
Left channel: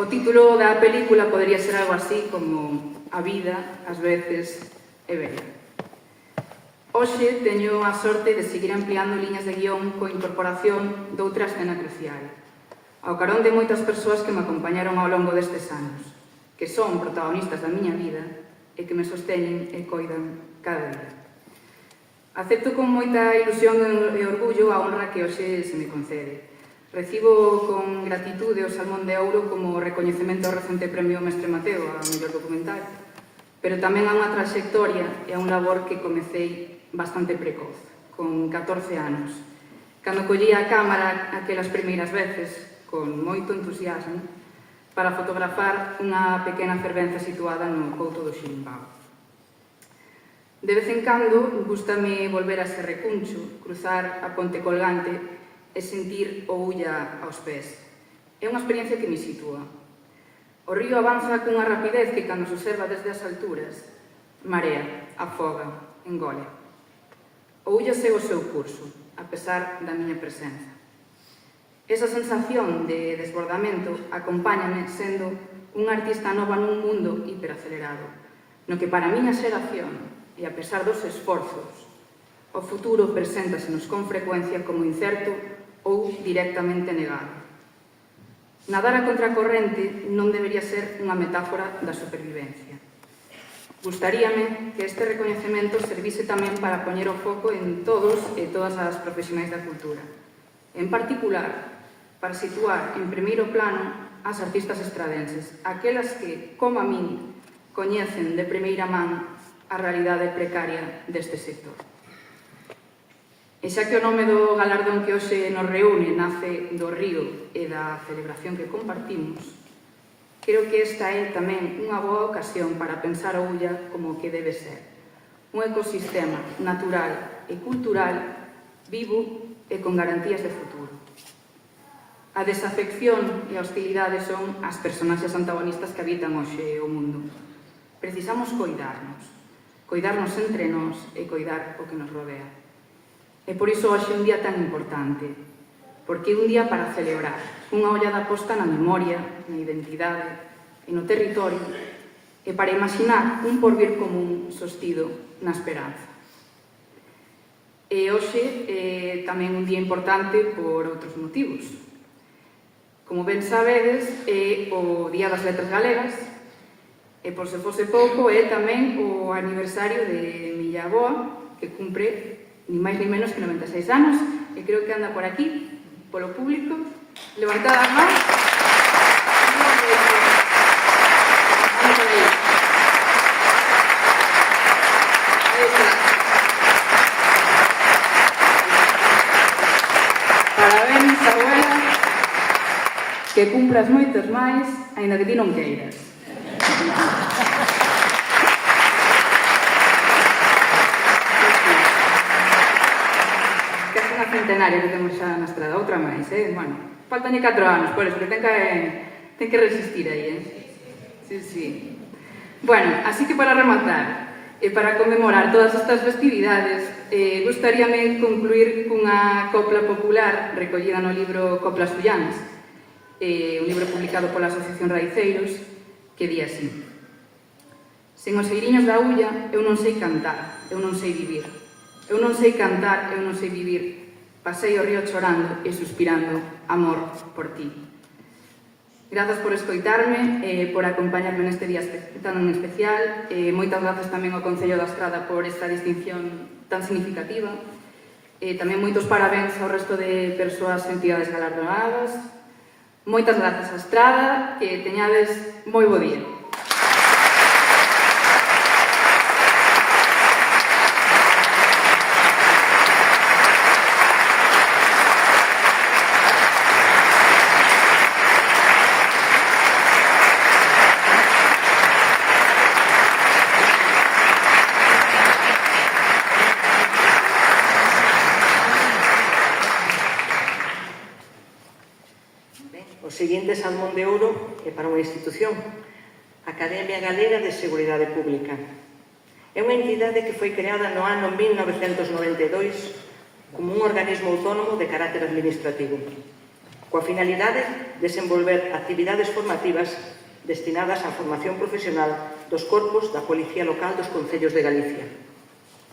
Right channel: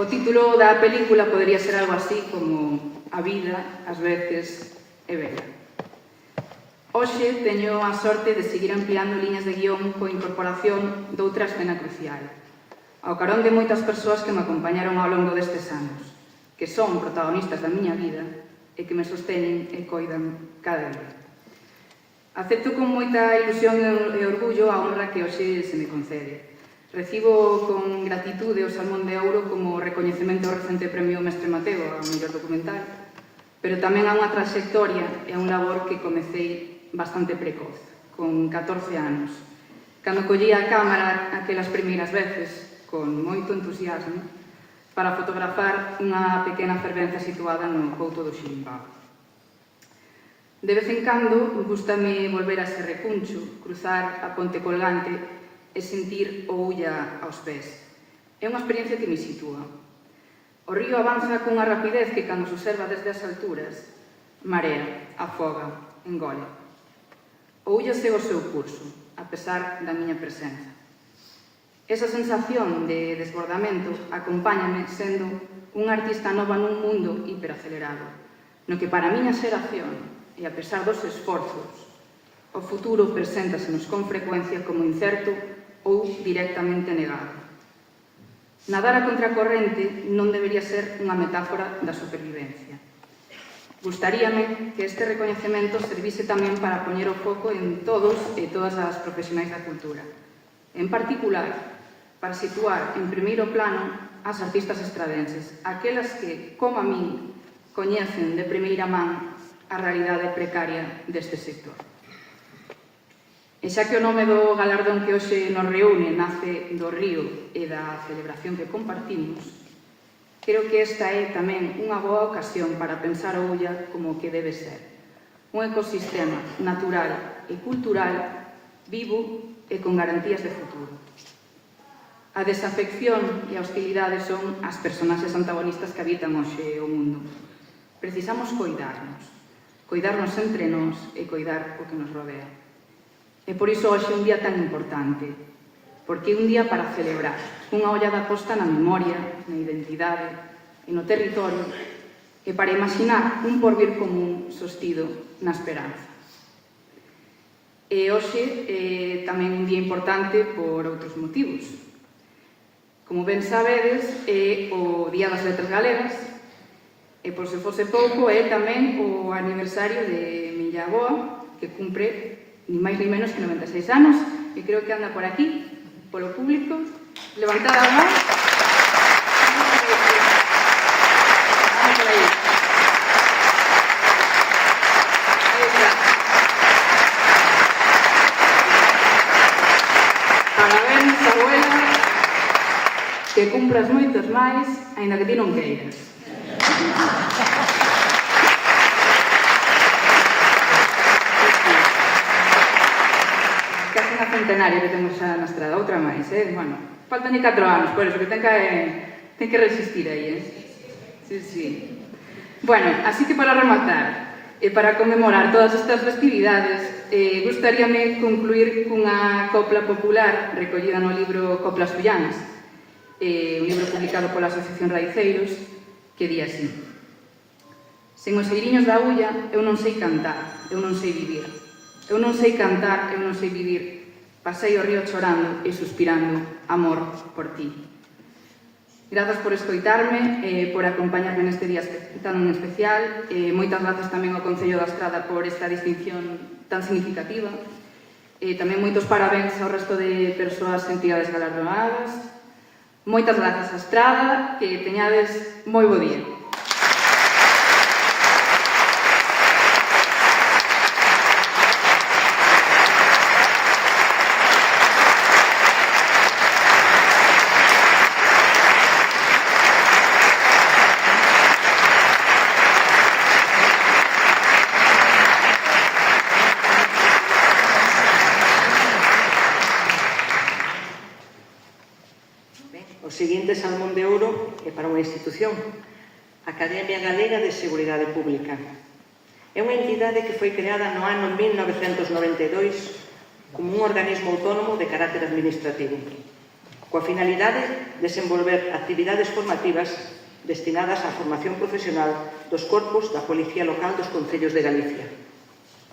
O título da película podería ser algo así como A vida, ás veces, é bela. Hoxe teño a sorte de seguir ampliando liñas de guión coa incorporación doutra escena crucial, ao carón de moitas persoas que me acompañaron ao longo destes anos, que son protagonistas da miña vida e que me sosteñen e coidan cada día. Acepto con moita ilusión e orgullo a honra que hoxe se me concede. Recibo con gratitude o Salmón de Ouro como recoñecemento ao recente premio Mestre Mateo a mellor documental, pero tamén a unha trayectoria e a un labor que comecei bastante precoz, con 14 anos, cando collía a cámara aquelas primeiras veces, con moito entusiasmo, para fotografar unha pequena fervenza situada no Couto do Xilimbao. De vez en cando, gústame volver a ese recuncho, cruzar a ponte colgante e sentir o Ulla aos pés. É unha experiencia que me sitúa. O río avanza cunha rapidez que, cando se observa desde as alturas, marea, afoga, engole. O Ulla segue o seu curso, a pesar da miña presenza. Esa sensación de desbordamento acompáñame sendo unha artista nova nun mundo hiperacelerado, no que para a miña xeración, e a pesar dos esforzos, o futuro preséntasenos con frecuencia como incerto ou directamente negado. Nadar a contracorrente non debería ser unha metáfora da supervivencia. Gustaríame que este recoñecemento servise tamén para poñer o foco en todos e todas as profesionais da cultura. En particular, para situar en primeiro plano as artistas estradenses, aquelas que, como a min, coñecen de primeira man a realidade precaria deste sector. E xa que o nome do galardón que hoxe nos reúne nace do río e da celebración que compartimos, creo que esta é tamén unha boa ocasión para pensar o Ulla como o que debe ser. Un ecosistema natural e cultural vivo e con garantías de futuro. A desafección e a hostilidade son as personaxes antagonistas que habitan hoxe o mundo. Precisamos coidarnos entre nós e coidar o que nos rodea. E por iso hoxe é un día tan importante, porque é un día para celebrar, unha ollada posta na memoria, na identidade e no territorio, e para imaginar un porvir común sostido na esperanza. E hoxe é tamén un día importante por outros motivos. Como ben sabedes, é o Día das Letras Galegas, e por se fose pouco é tamén o aniversario de miña avoa, que cumpre ni máis ni menos que 96 anos, e creo que anda por aquí, polo público. Levantad as mãos. Parabéns, abuela, que cumpras moitos máis, aínda que ti non queiras. Casi unha centenaria que temos xa na estrada, outra máis, Bueno, faltan 4 anos, por eso que ten que resistir aí, Sí. Bueno, así que para rematar, e para conmemorar todas estas festividades, gustaríame concluir cunha copla popular recollida no libro Coplas Ullanas, un libro publicado pola Asociación Raiceiros, que di así: sen os eiriños da Ulla, eu non sei cantar, eu non sei vivir. Eu non sei cantar, eu non sei vivir. Pasei o río chorando e suspirando amor por ti. Grazas por escoitarme e por acompañarme neste día tan especial. Moitas grazas tamén ao Concello da Estrada por esta distinción tan significativa. Tamén moitos parabéns ao resto de persoas e entidades galardonadas. Moitas grazas á Estrada, que teñades moi bo día. O seguinte salmón de ouro é para unha institución, a Academia Galega de Seguridade Pública. É unha entidade que foi creada no ano 1992 como un organismo autónomo de carácter administrativo, coa finalidade de desenvolver actividades formativas destinadas á formación profesional dos corpos da Policía Local dos Concellos de Galicia.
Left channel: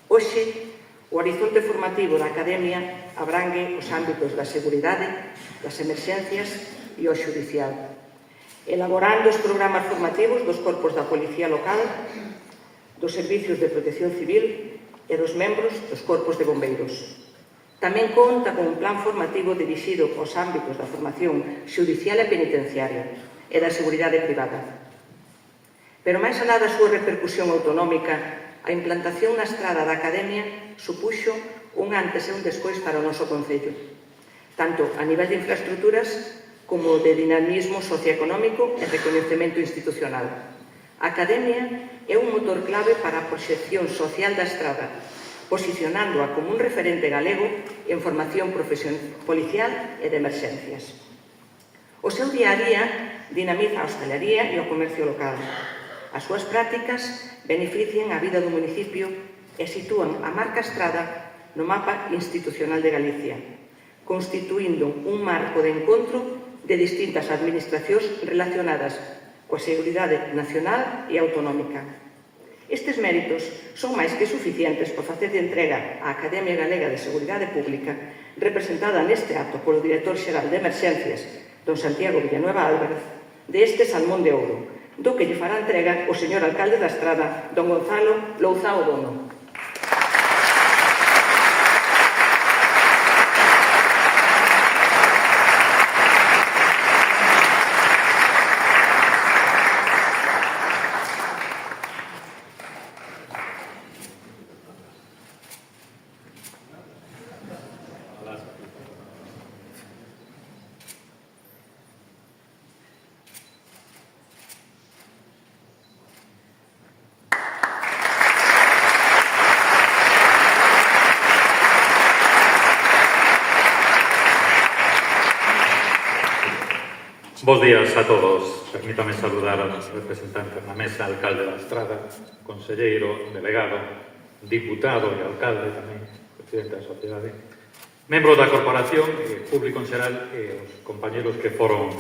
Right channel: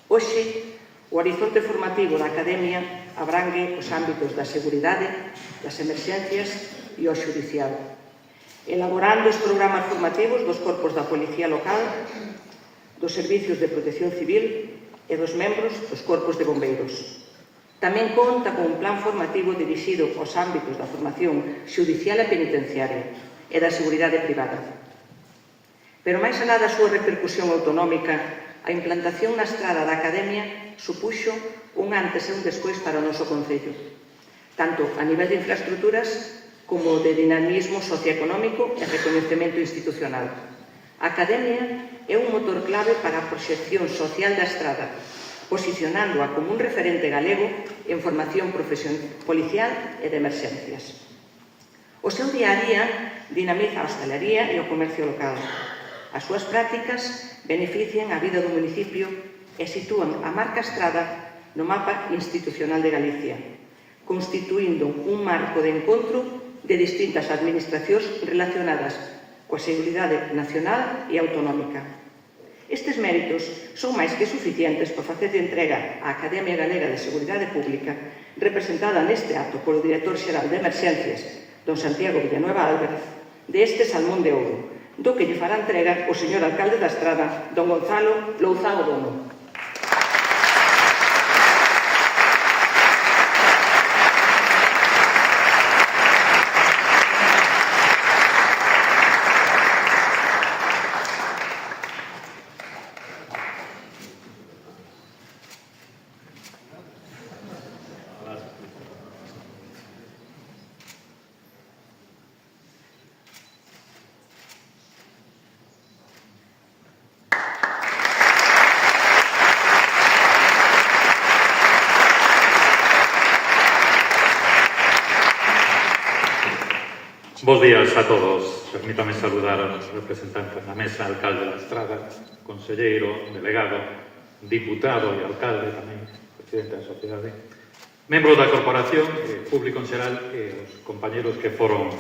Hoxe, o horizonte formativo da Academia abrangue os ámbitos da seguridade, das emerxencias e o xudicial, elaborando os programas formativos dos corpos da Policía Local, dos servicios de protección civil e dos membros dos corpos de bombeiros. Tamén conta con un plan formativo dirixido aos ámbitos da formación xudicial e penitenciaria e da seguridade privada. Pero máis alá da súa repercusión autonómica, a implantación na estrada da Academia supuxo un antes e un despois para o noso Concello, tanto a nivel de infraestructuras como de dinamismo socioeconómico e recoñecemento institucional. A Academia é un motor clave para a proxección social da estrada, posicionándoa como un referente galego en formación policial e de emerxencias. O seu día a día dinamiza a hostalería e o comercio local. As súas prácticas benefician a vida do municipio e sitúan a marca Estrada no mapa institucional de Galicia, constituindo un marco de encontro de distintas administracións relacionadas coa seguridade nacional e autonómica. Estes méritos son máis que suficientes para facer de entrega á Academia Galega de Seguridade Pública, representada neste acto polo director xeral de Emerxencias, don Santiago Villanueva Álvarez, de este salmón de ouro, do que lle fará entrega o señor alcalde da Estrada, don Gonzalo Louzao Bono. Bos días a todos. Permítame saludar aos representantes na mesa, alcalde da Estrada, conselleiro, delegado, diputado e alcalde tamén, presidente da sociedade, membros da corporación, público en xeral e os compañeros que foron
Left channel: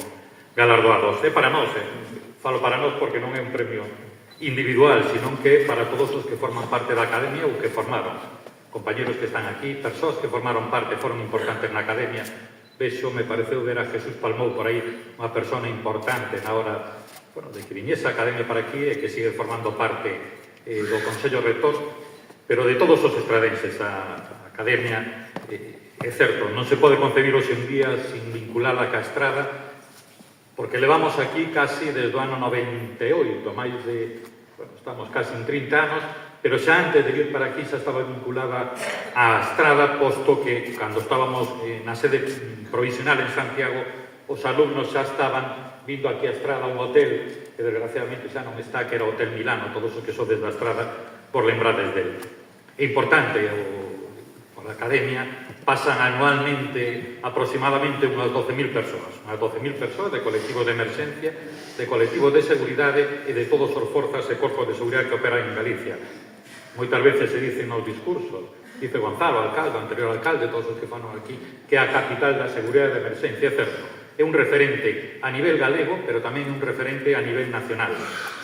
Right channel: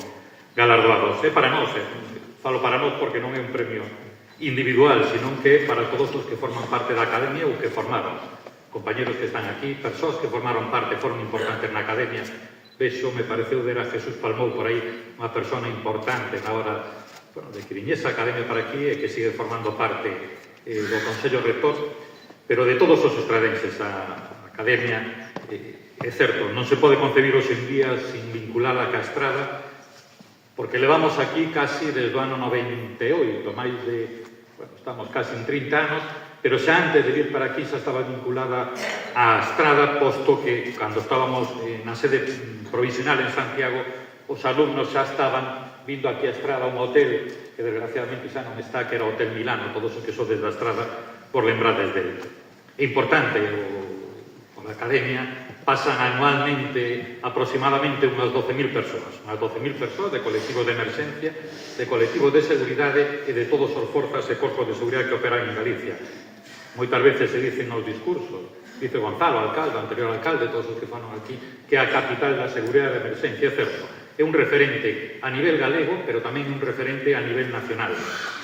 galardoados. É para nós, falo para nós porque non é un premio individual, senón que é para todos os que forman parte da Academia ou que formaron. Compañeros que están aquí, persoas que formaron parte, foron importantes na Academia. Vexo, me pareceu ver a Jesús Palmou por aí, unha persona importante na hora de que viñese a Academia para aquí e que sigue formando parte do Consello Rector, pero de todos os estradenses a Academia, é certo, non se pode concebir hoxe en día sin vinculada ca Estrada, porque levamos aquí casi desde o ano 98, máis de, estamos casi en 30 anos, pero xa antes de vir para aquí xa estaba vinculada á Estrada, posto que cando estábamos na sede provisional en Santiago, os alumnos xa estaban vindo aquí a Estrada, un hotel que desgraciadamente xa non está, que era o Hotel Milano, todos os que sodes da Estrada por lembrades dele. É importante, por a Academia pasan anualmente aproximadamente unhas 12.000 persoas, unhas 12.000 persoas de colectivos de emerxencia, de colectivos de seguridade e de todos os forzas e corpos de seguridade que operan en Galicia. Moitas veces se dicen nos discursos, dice Gonzalo, alcalde, anterior alcalde, todos os que fanon aquí, que é a capital da seguridade de emerxencia, é certo. É un referente a nivel galego, pero tamén un referente a nivel nacional,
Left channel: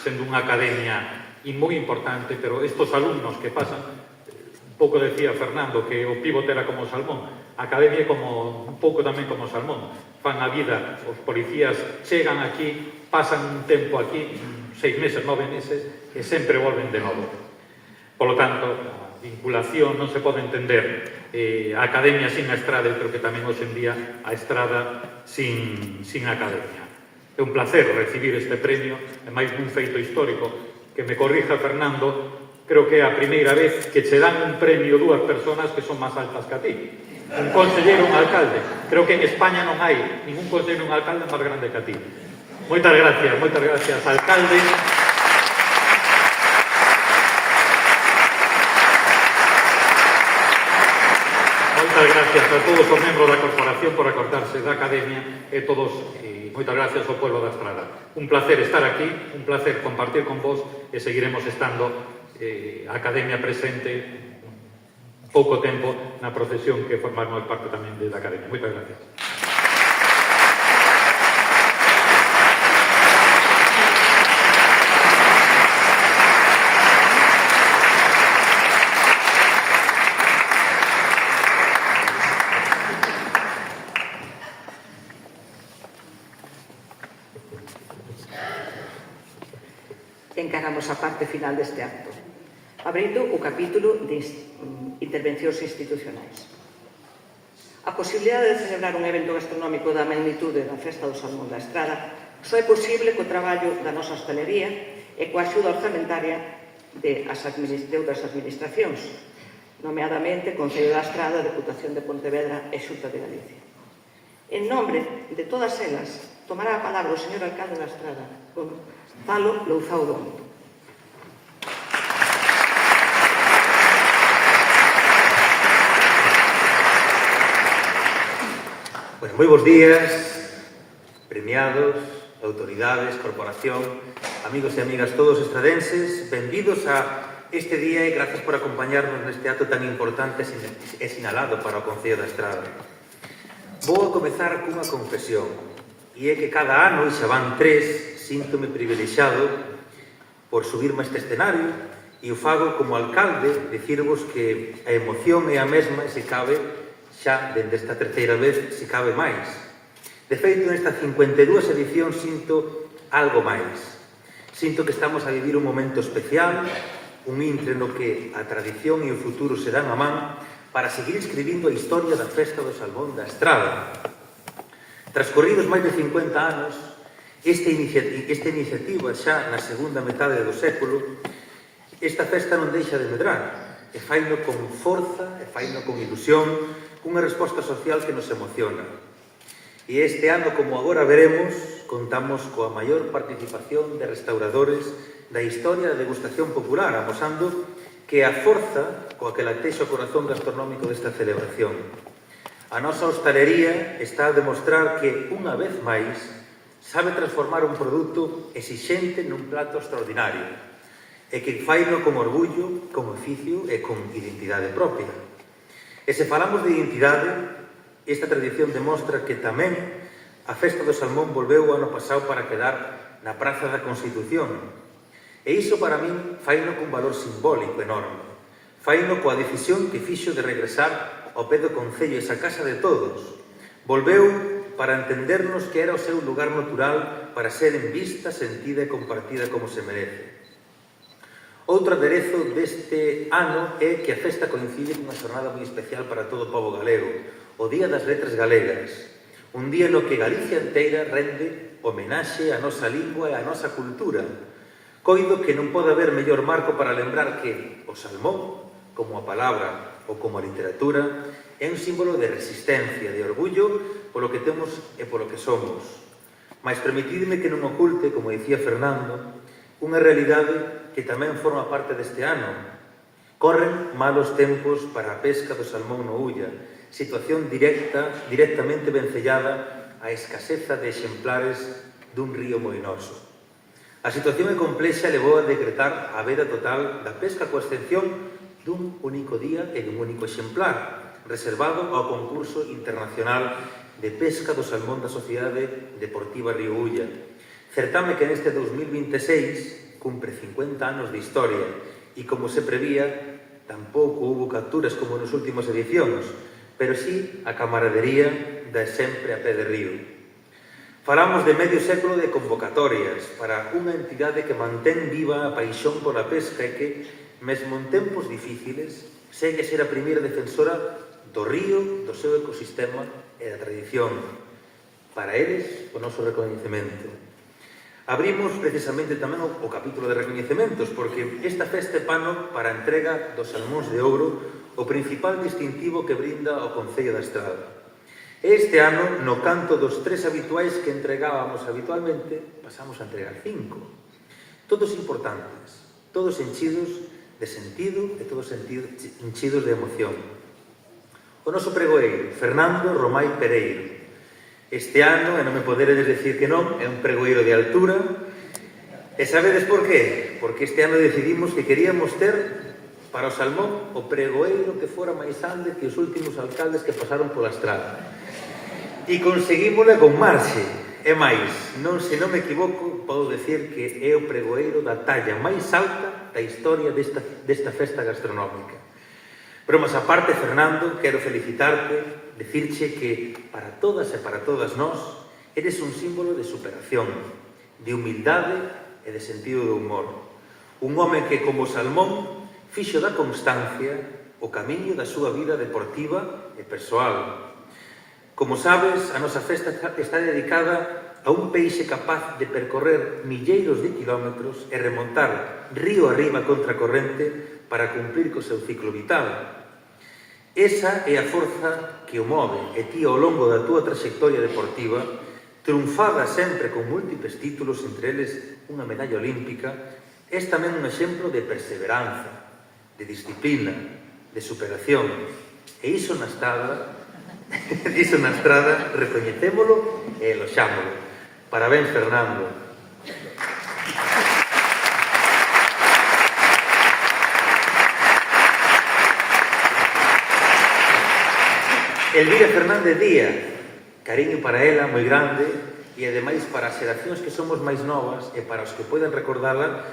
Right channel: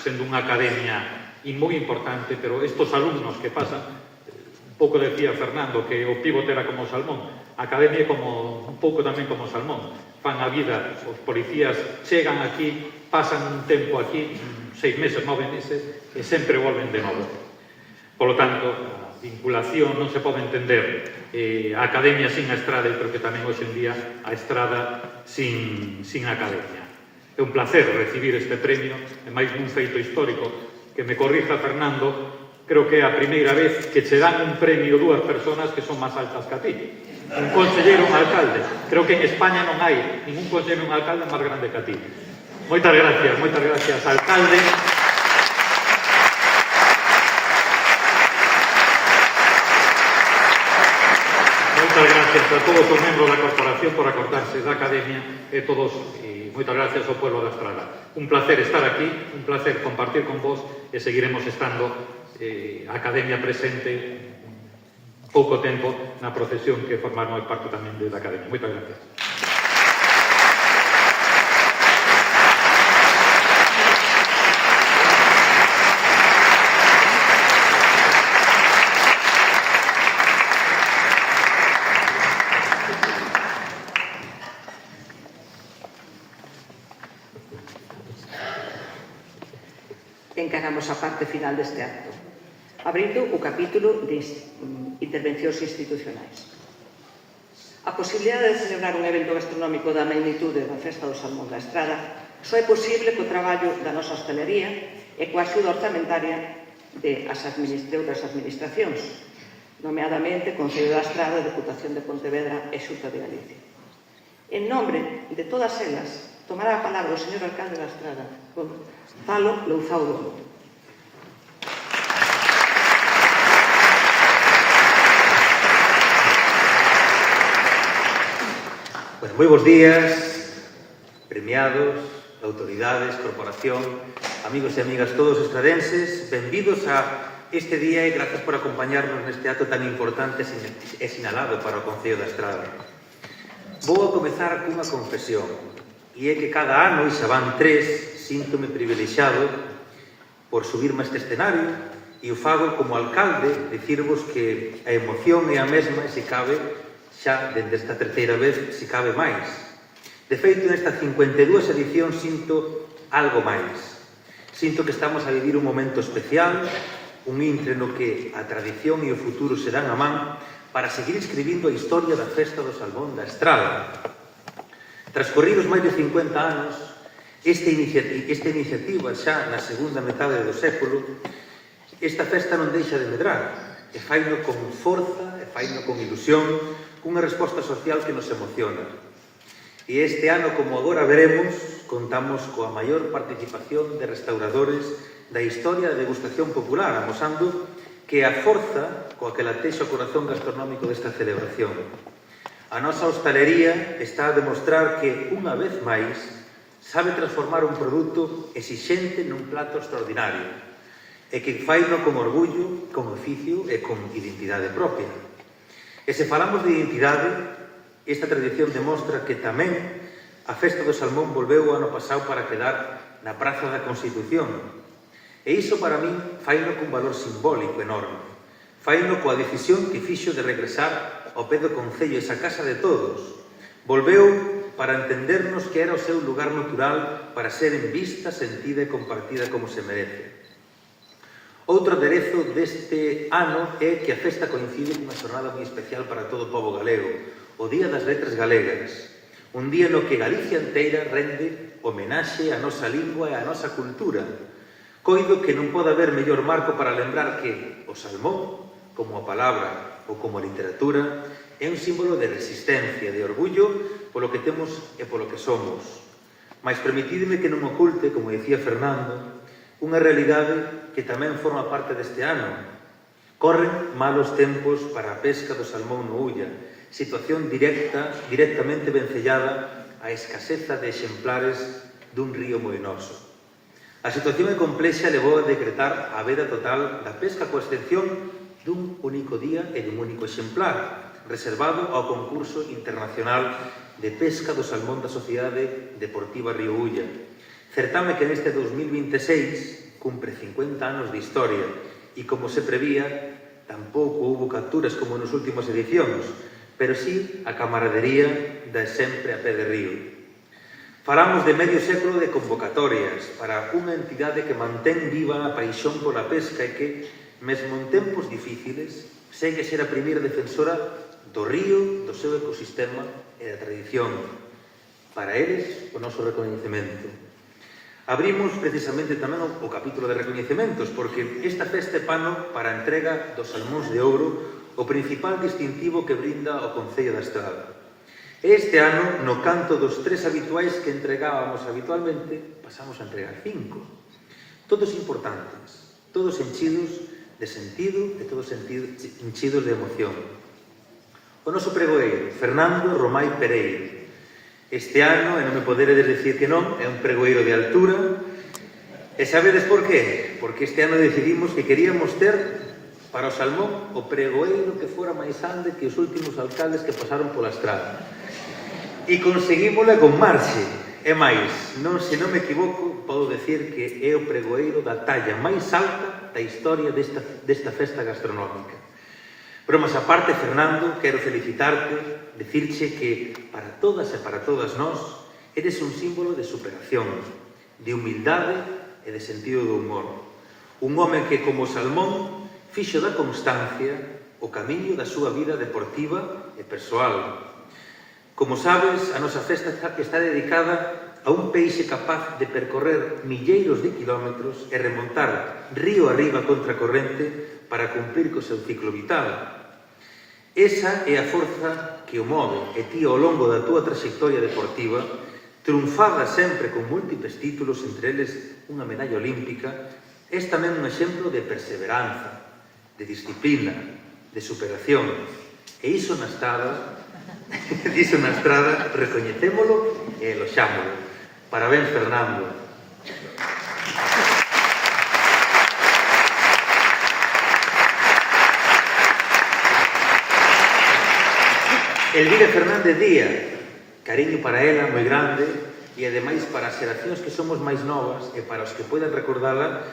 sendo unha academia moi importante, pero estos alumnos que pasan, un pouco decía Fernando, que o pivote era como o salmón, a academia é como, un pouco tamén como o salmón, fan a vida, os policías chegan aquí, pasan un tempo aquí, 6 meses, 9 meses, e sempre volven de novo. Por lo tanto, a vinculación non se pode entender a academia sin a Estrada, e creo que tamén hoxe en día a Estrada sin a academia. É un placer recibir este premio, e máis nun feito histórico, que me corrija Fernando, creo que é a primeira vez que che dan un premio dúas persoas que son máis altas que a ti. Un conselleiro e un alcalde. Creo que en España non hai ningún conselleiro e un alcalde máis grande que a ti. Moitas gracias, alcalde. Moitas moitas gracias a todos os membros da corporación por acordarse da Academia e moitas gracias ao pueblo da Estrada. Un placer estar aquí, un placer compartir con vos e seguiremos estando a Academia presente pouco tempo na procesión que formamos parte tamén da Academia. Moitas gracias. Encaramos a parte final deste acto, abrindo o capítulo de intervencións institucionais. A posibilidade de celebrar un evento gastronómico da magnitude da Festa do Salmón da Estrada só é posible co traballo da nosa hostalería e coa axuda orzamentaria de outras administracións, nomeadamente Concello da Estrada, Deputación de Pontevedra e Xunta de Galicia. En nombre de todas elas, tomará a palabra o señor alcalde da Estrada, Gonzalo Louzao Domo. Pues moi bons días, premiados, autoridades, corporación, amigos e amigas todos estradenses, benvidos a este día e grazas por acompañarnos neste acto tan importante e sinalado para o Concello da Estrada. Vou a comezar cunha confesión, e é que cada ano, e xa van 3, síntome privilexiado por subirme a este escenario e o fago como alcalde, dicirvos que a emoción é a mesma e se cabe xa dende esta terceira vez, se cabe máis. De feito, nesta 52 edición sinto algo máis. Sinto que estamos a vivir un momento especial, un intre no que a tradición e o futuro se dan a man para seguir escribindo a historia da Festa do Salmón da Estrada. Transcorridos máis de 50 anos, esta iniciativa xa na segunda metade do século, esta festa non deixa de medrar, e faino con forza, e faino con ilusión, cunha resposta social que nos emociona. E este ano, como agora veremos, contamos coa maior participación de restauradores da historia da degustación popular, amosando que a forza coa que latexa o corazón gastronómico desta celebración. A nosa hostalería está a demostrar que, unha vez máis, sabe transformar un produto exixente nun plato extraordinario e que faino con orgullo, con oficio e con identidade propia. E se falamos de identidade, esta tradición demostra que tamén a Festa do Salmón volveu o ano pasado para quedar na Praza da Constitución. E iso para min faino con valor simbólico enorme. Faino coa decisión que fixo de regresar ao pé do Concello, esa casa de todos. Volveu para entendernos que era o seu lugar natural para ser vista, sentida e compartida como se merece. Outro aderezo deste ano é que a festa coincide cunha xornada moi especial para todo o pobo galego, o Día das Letras Galegas, un día no que Galicia inteira rende homenaxe á nosa lingua e á nosa cultura. Coido que non pode haber mellor marco para lembrar que o salmón, como a palabra ou como a literatura, é un símbolo de resistencia, de orgullo polo que temos e polo que somos. Mais permitidme que non oculte, como dicía Fernando, unha realidade que tamén forma parte deste ano. Corren malos tempos para a pesca do salmón no Ulla, situación directamente vencellada á escaseza de exemplares dun río moinoso. A situación é complexa e levou a decretar a veda total da pesca coa excepción dun único día e dun único exemplar, reservado ao concurso internacional de pesca do salmón da Sociedade Deportiva Río Ulla. Certame que neste 2026 cumpre 50 anos de historia e, como se prevía, tampouco houbo capturas como nos últimos edicións, pero sí a camaradería da sempre a pé de río. Falamos de medio século de convocatorias para unha entidade que mantén viva a paixón pola pesca e que, mesmo en tempos difíciles, segue a ser a primeira defensora do río, do seu ecosistema e da tradición. Para eles, o noso recoñecemento. Abrimos precisamente tamén o capítulo de recoñecementos, porque esta festa é pano para a entrega dos salmóns de ouro, o principal distintivo que brinda o Concello da Estrada. Este ano, no canto dos 3 habituais que entregábamos habitualmente, pasamos a entregar 5. Todos importantes, todos enchidos de sentido e todos enchidos de emoción. O o noso pregoeiro, Fernando Romai Pereiro. Este ano, e non me poderedes decir que non, é un pregoeiro de altura. E sabedes por qué? Porque este ano decidimos que queríamos ter para o Salmón o pregoeiro que fora máis grande que os últimos alcaldes que pasaron pola estrada. E conseguímola con marxe. E máis, se non me equivoco, podo decir que é o pregoeiro da talla máis alta da historia desta festa gastronómica. Bromas aparte, Fernando, quero felicitarte, decirche que para todas e para todas nós eres un símbolo de superación, de humildade e de sentido do humor. Un home que, como Salmón, fixo da constancia o camiño da súa vida deportiva e persoal. Como sabes, a nosa festa está dedicada a un peixe capaz de percorrer milleiros de kilómetros e remontar río arriba contra a corrente para cumplir co seu ciclo vital. Esa é a forza que o move e ti ao longo da túa trayectoria deportiva, triunfada sempre con múltiples títulos, entre eles unha medalla olímpica, és tamén un exemplo de perseveranza, de disciplina, de superación. E iso na estrada recoñecémolo e eloxámolo. Parabéns, Fernando. Elvira Fernández Díaz, cariño para ela moi grande e ademais para as xeracións que somos máis novas e para os que poden recordala,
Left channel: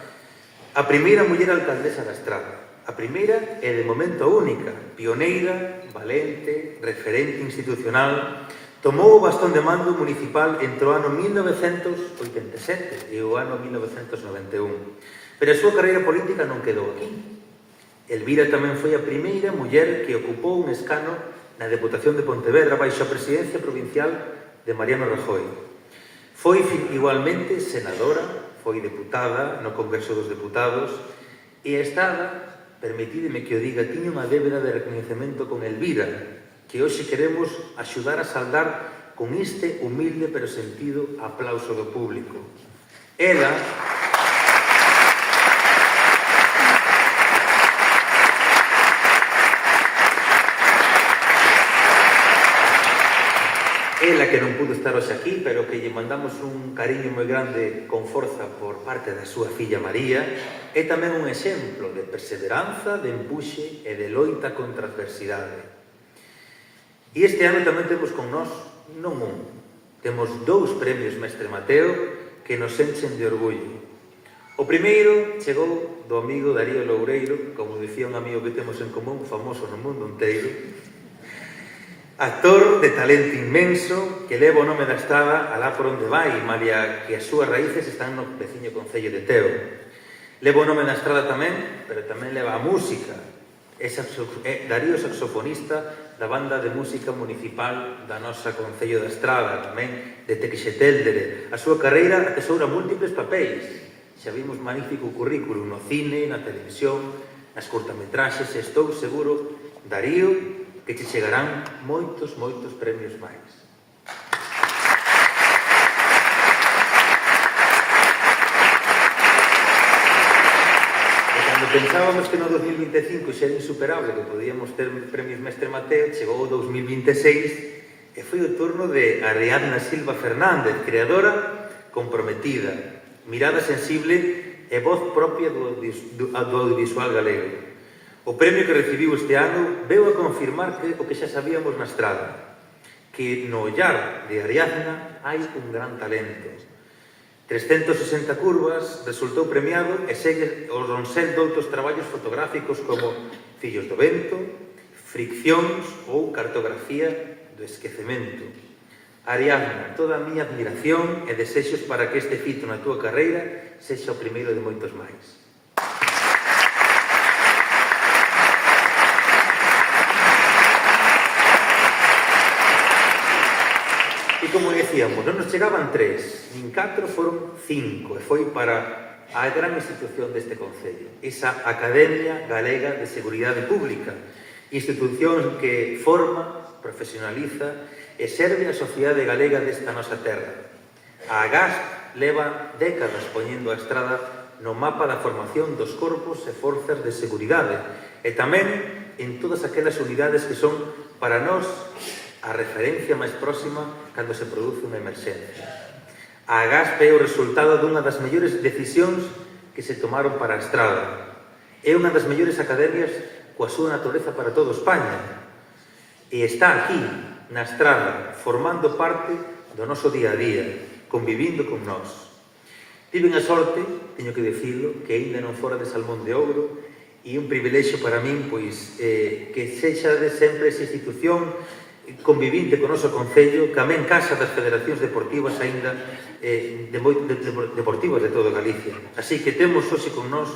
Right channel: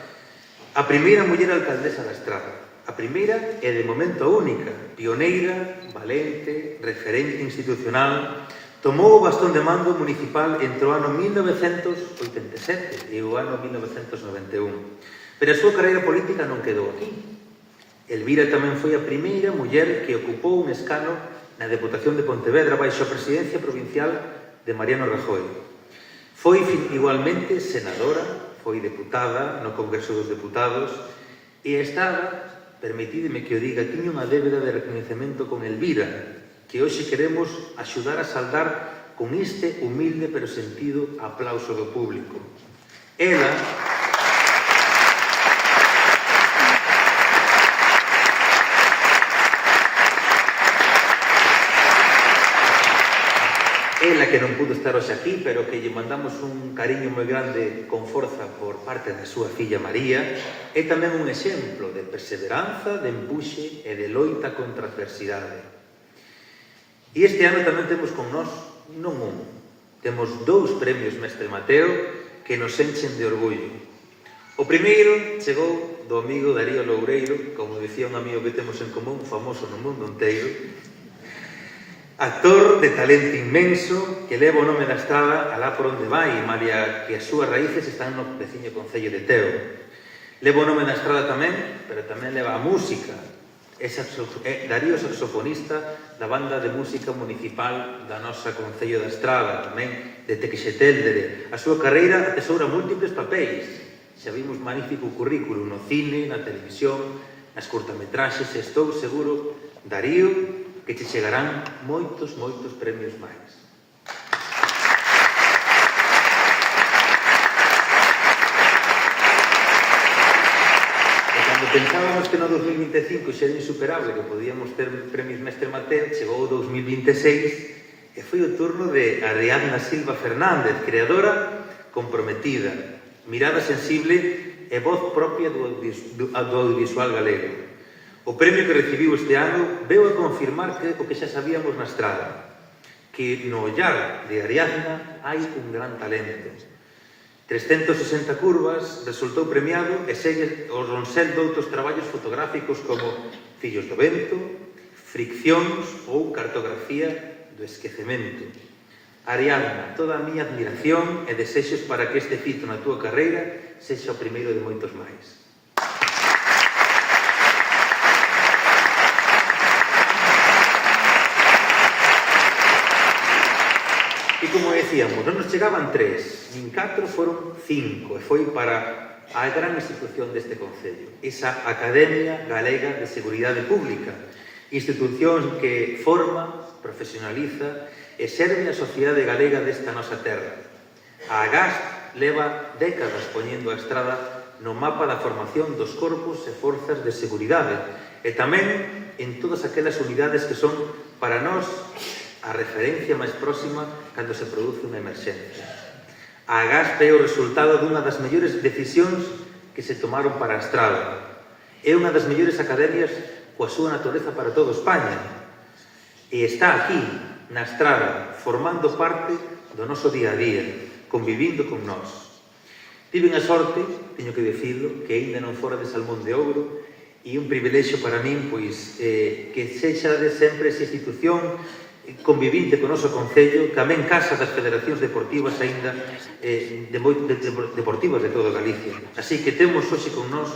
a primeira muller alcaldesa da Estrada. A primeira e de momento a única, pioneira, valente, referente institucional, tomou o bastón de mando municipal entre o ano 1987 e o ano 1991. Pero a súa carreira política non quedou aquí. Elvira tamén foi a primeira muller que ocupou un escano na Deputación de Pontevedra baixo a presidencia provincial de Mariano Rajoy. Foi igualmente senadora, foi deputada no Congreso dos Deputados e a Estrada, permitídeme que o diga, tiña unha débeda de recoñecemento con Elvira, que hoxe queremos axudar a saldar con este humilde pero sentido aplauso do público. Ela que non pudo estar hoxe aquí, pero que lle mandamos un cariño moi grande con forza por parte da súa filla María, é tamén un exemplo de perseveranza, de empuxe e de loita contra a adversidade. E este ano tamén temos con nós, non un, temos 2 premios Mestre Mateo que nos enchen de orgullo. O primeiro chegou do amigo Darío Loureiro, como dicía un amigo que temos en común, famoso no mundo inteiro, actor de talento inmenso que leva o nome da Estrada alá por onde vai, malia que as súas raíces están no veciño concello de Teo. Leva o nome da Estrada tamén, pero tamén leva a música. Darío saxofonista da banda de música municipal da nosa concello da Estrada, tamén de Tequixetéldere. A súa carreira atesoura múltiples papéis. Xa vimos magnífico currículum no cine, na televisión, nas curtametraxes, e estou seguro, Darío, que te chegarán moitos premios máis. E cando pensábamos que no 2025 xa era insuperable, que podíamos ter premios Mestre Mateo, chegou o 2026 e foi o turno de Ariadna Silva Fernández, creadora comprometida, mirada sensible e voz propia do audiovisual galego. O premio que recibiu este ano veu a confirmar o que xa sabíamos na Estrada, que no ollar de Ariadna hai un gran talento. 360 curvas, resultou premiado e segue o ronsel doutros traballos fotográficos como Fillos do Vento, Friccións ou Cartografía do Esquecemento. Ariadna, toda a miña admiración e desexos para que este fito na túa carreira sexa o primeiro de moitos máis. E como decíamos, non nos chegaban 3, nin 4, foron 5, e foi para a gran institución deste concello, esa Academia Galega de Seguridade Pública, institución que forma, profesionaliza e serve a sociedade galega desta nosa terra. A AGASP leva décadas poñendo a Estrada no mapa da formación dos corpos e forzas de seguridade e tamén en todas aquelas unidades que son para nós, a referencia máis próxima cando se produce unha emerxencia. A Agaspe é o resultado dunha das mellores decisións que se tomaron para a Estrada. É unha das mellores academias coa súa natureza para toda España. E está aquí, na Estrada, formando parte do noso día a día, convivindo con nós. Tiven a sorte, teño que dicilo, que aínda non fora de Salmón de Ouro, e un privilexio para min, pois, que sexa de sempre esa institución convivinte co noso Concello, tamén casa das federacións deportivas aínda deportivas de toda Galicia. Así que temos hoxe con nós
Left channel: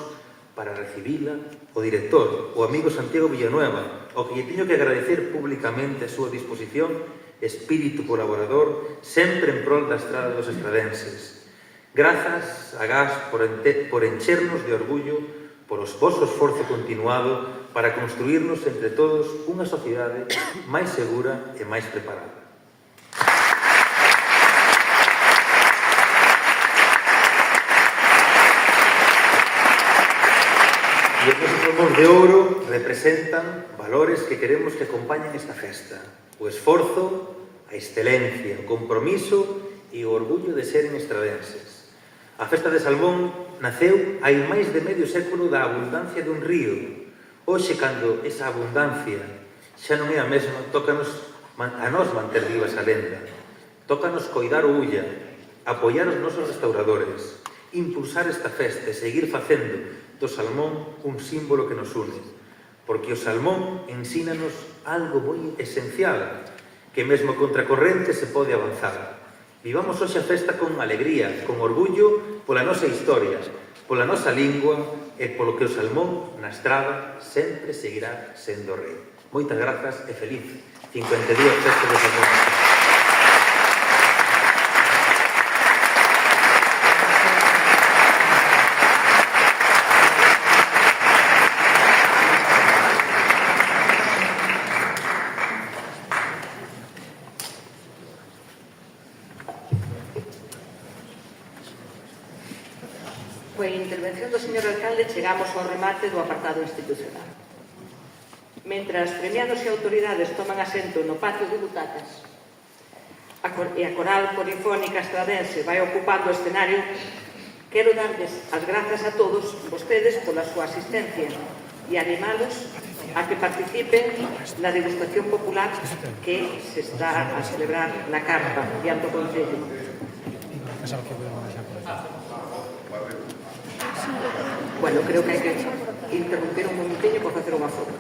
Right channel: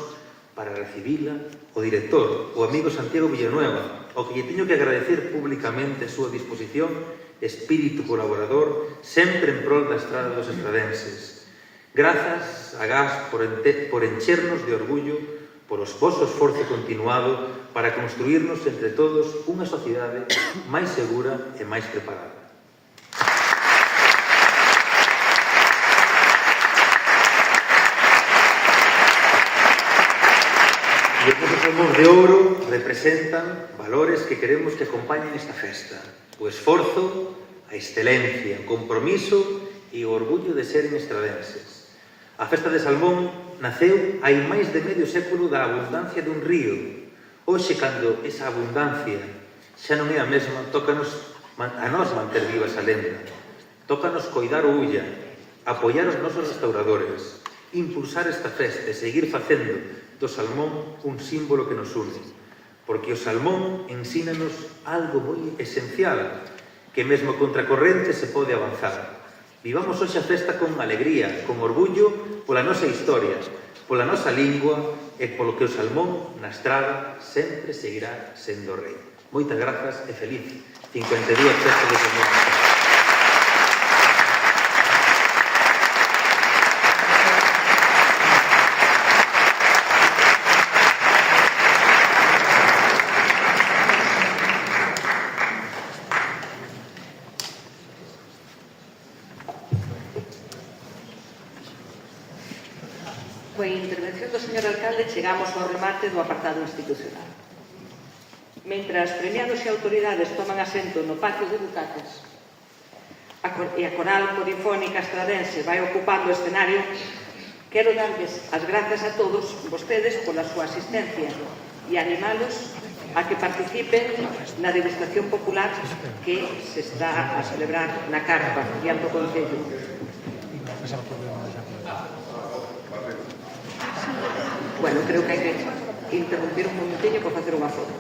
para recibila o director, o amigo Santiago Villanueva, ao que lle teño que agradecer públicamente a súa disposición, espírito colaborador, sempre en prol da Estrada dos estradenses. Grazas a GAS por enchernos de orgullo por o vosso esforzo continuado para construirnos entre todos unha sociedade máis segura e máis preparada. E os nosos Salmóns de Ouro representan valores que queremos que acompañen esta festa: o esforzo, a excelencia, o compromiso e o orgullo de seren estradenses. A festa de Salmón naceu hai máis de medio século da abundancia dun río. Hoxe, cando esa abundancia xa non é a mesma, tócanos a nós manter viva esa lenda. Tócanos coidar o Ulla, apoiar os nosos restauradores, impulsar esta festa e seguir facendo do salmón un símbolo que nos une. Porque o salmón ensínanos algo moi esencial, que mesmo contracorrente se pode avanzar. Vivamos hoxe a festa con alegría, con orgullo pola nosa historia, pola nosa lingua e polo que o salmón na Estrada sempre seguirá sendo rei. Moitas grazas e feliz 52 festa de Salmón. Coa intervención do señor alcalde chegamos ao remate do apartado institucional. Mentras premiados e autoridades toman asento no patio de butacas e a coral polifónica estradense vai ocupando o escenario, quero darles as grazas a todos vostedes pola súa asistencia e animalos a que participen na degustación popular que se está a celebrar na carpa diante do Concello. Bueno, creo que hai que interrumpir un momentinho para facer unha foto.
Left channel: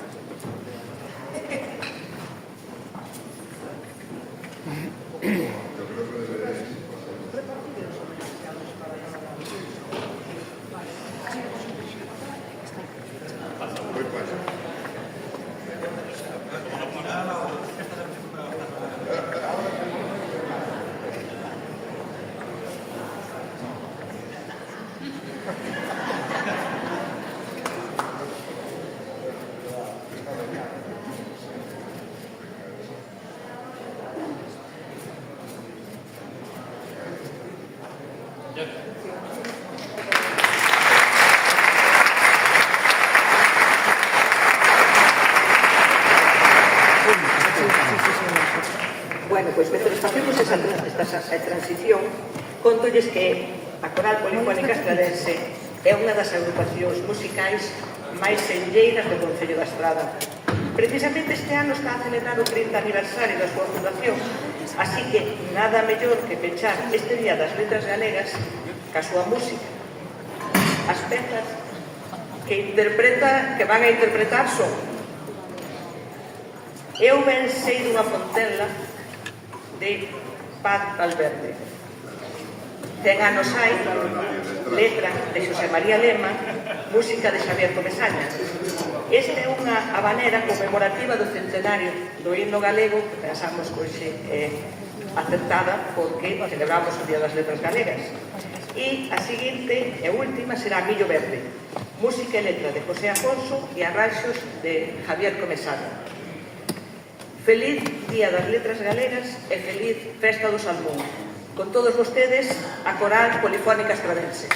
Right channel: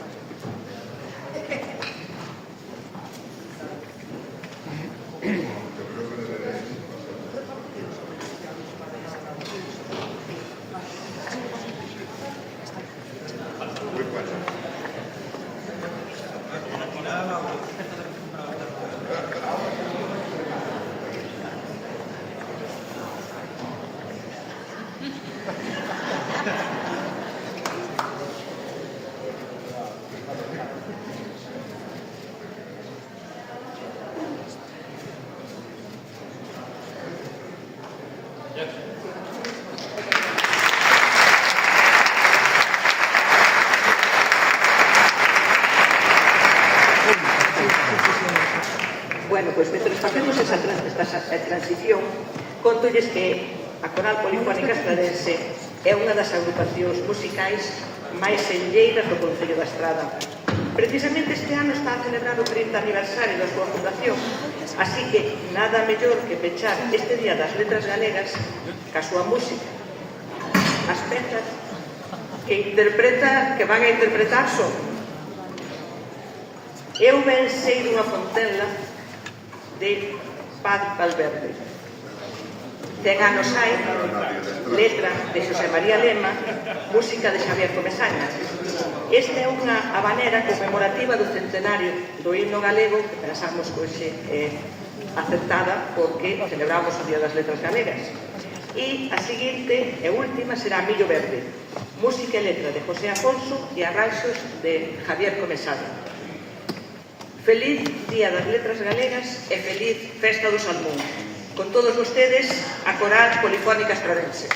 Bueno, pois mentre facemos esa transición, contolles que a Coral Polifónica Estradense é unha das agrupacións musicais máis senlleiras do Concello da Estrada. Precisamente este ano está a celebrar o 30 aniversario da súa fundación, así que nada mellor que pechar este Día das Letras Galegas ca súa música. As pezas que van a interpretar son Eu ben sei dunha fontela de Paz Valverde, 100 anos hai, letra de Xosé María Lema, música de Xavier Comesaña. Esta é unha habanera conmemorativa do centenario do himno galego que pensamos que hoxe é aceptada porque celebramos o Día das Letras Galegas. E a seguinte e última será Millo Verde, música e letra de José Afonso e arranxos de Javier Comesaña. Feliz Día das Letras Galegas e feliz Festa do Salmón. Con todos vostedes, a Coral Polifónica Estradense.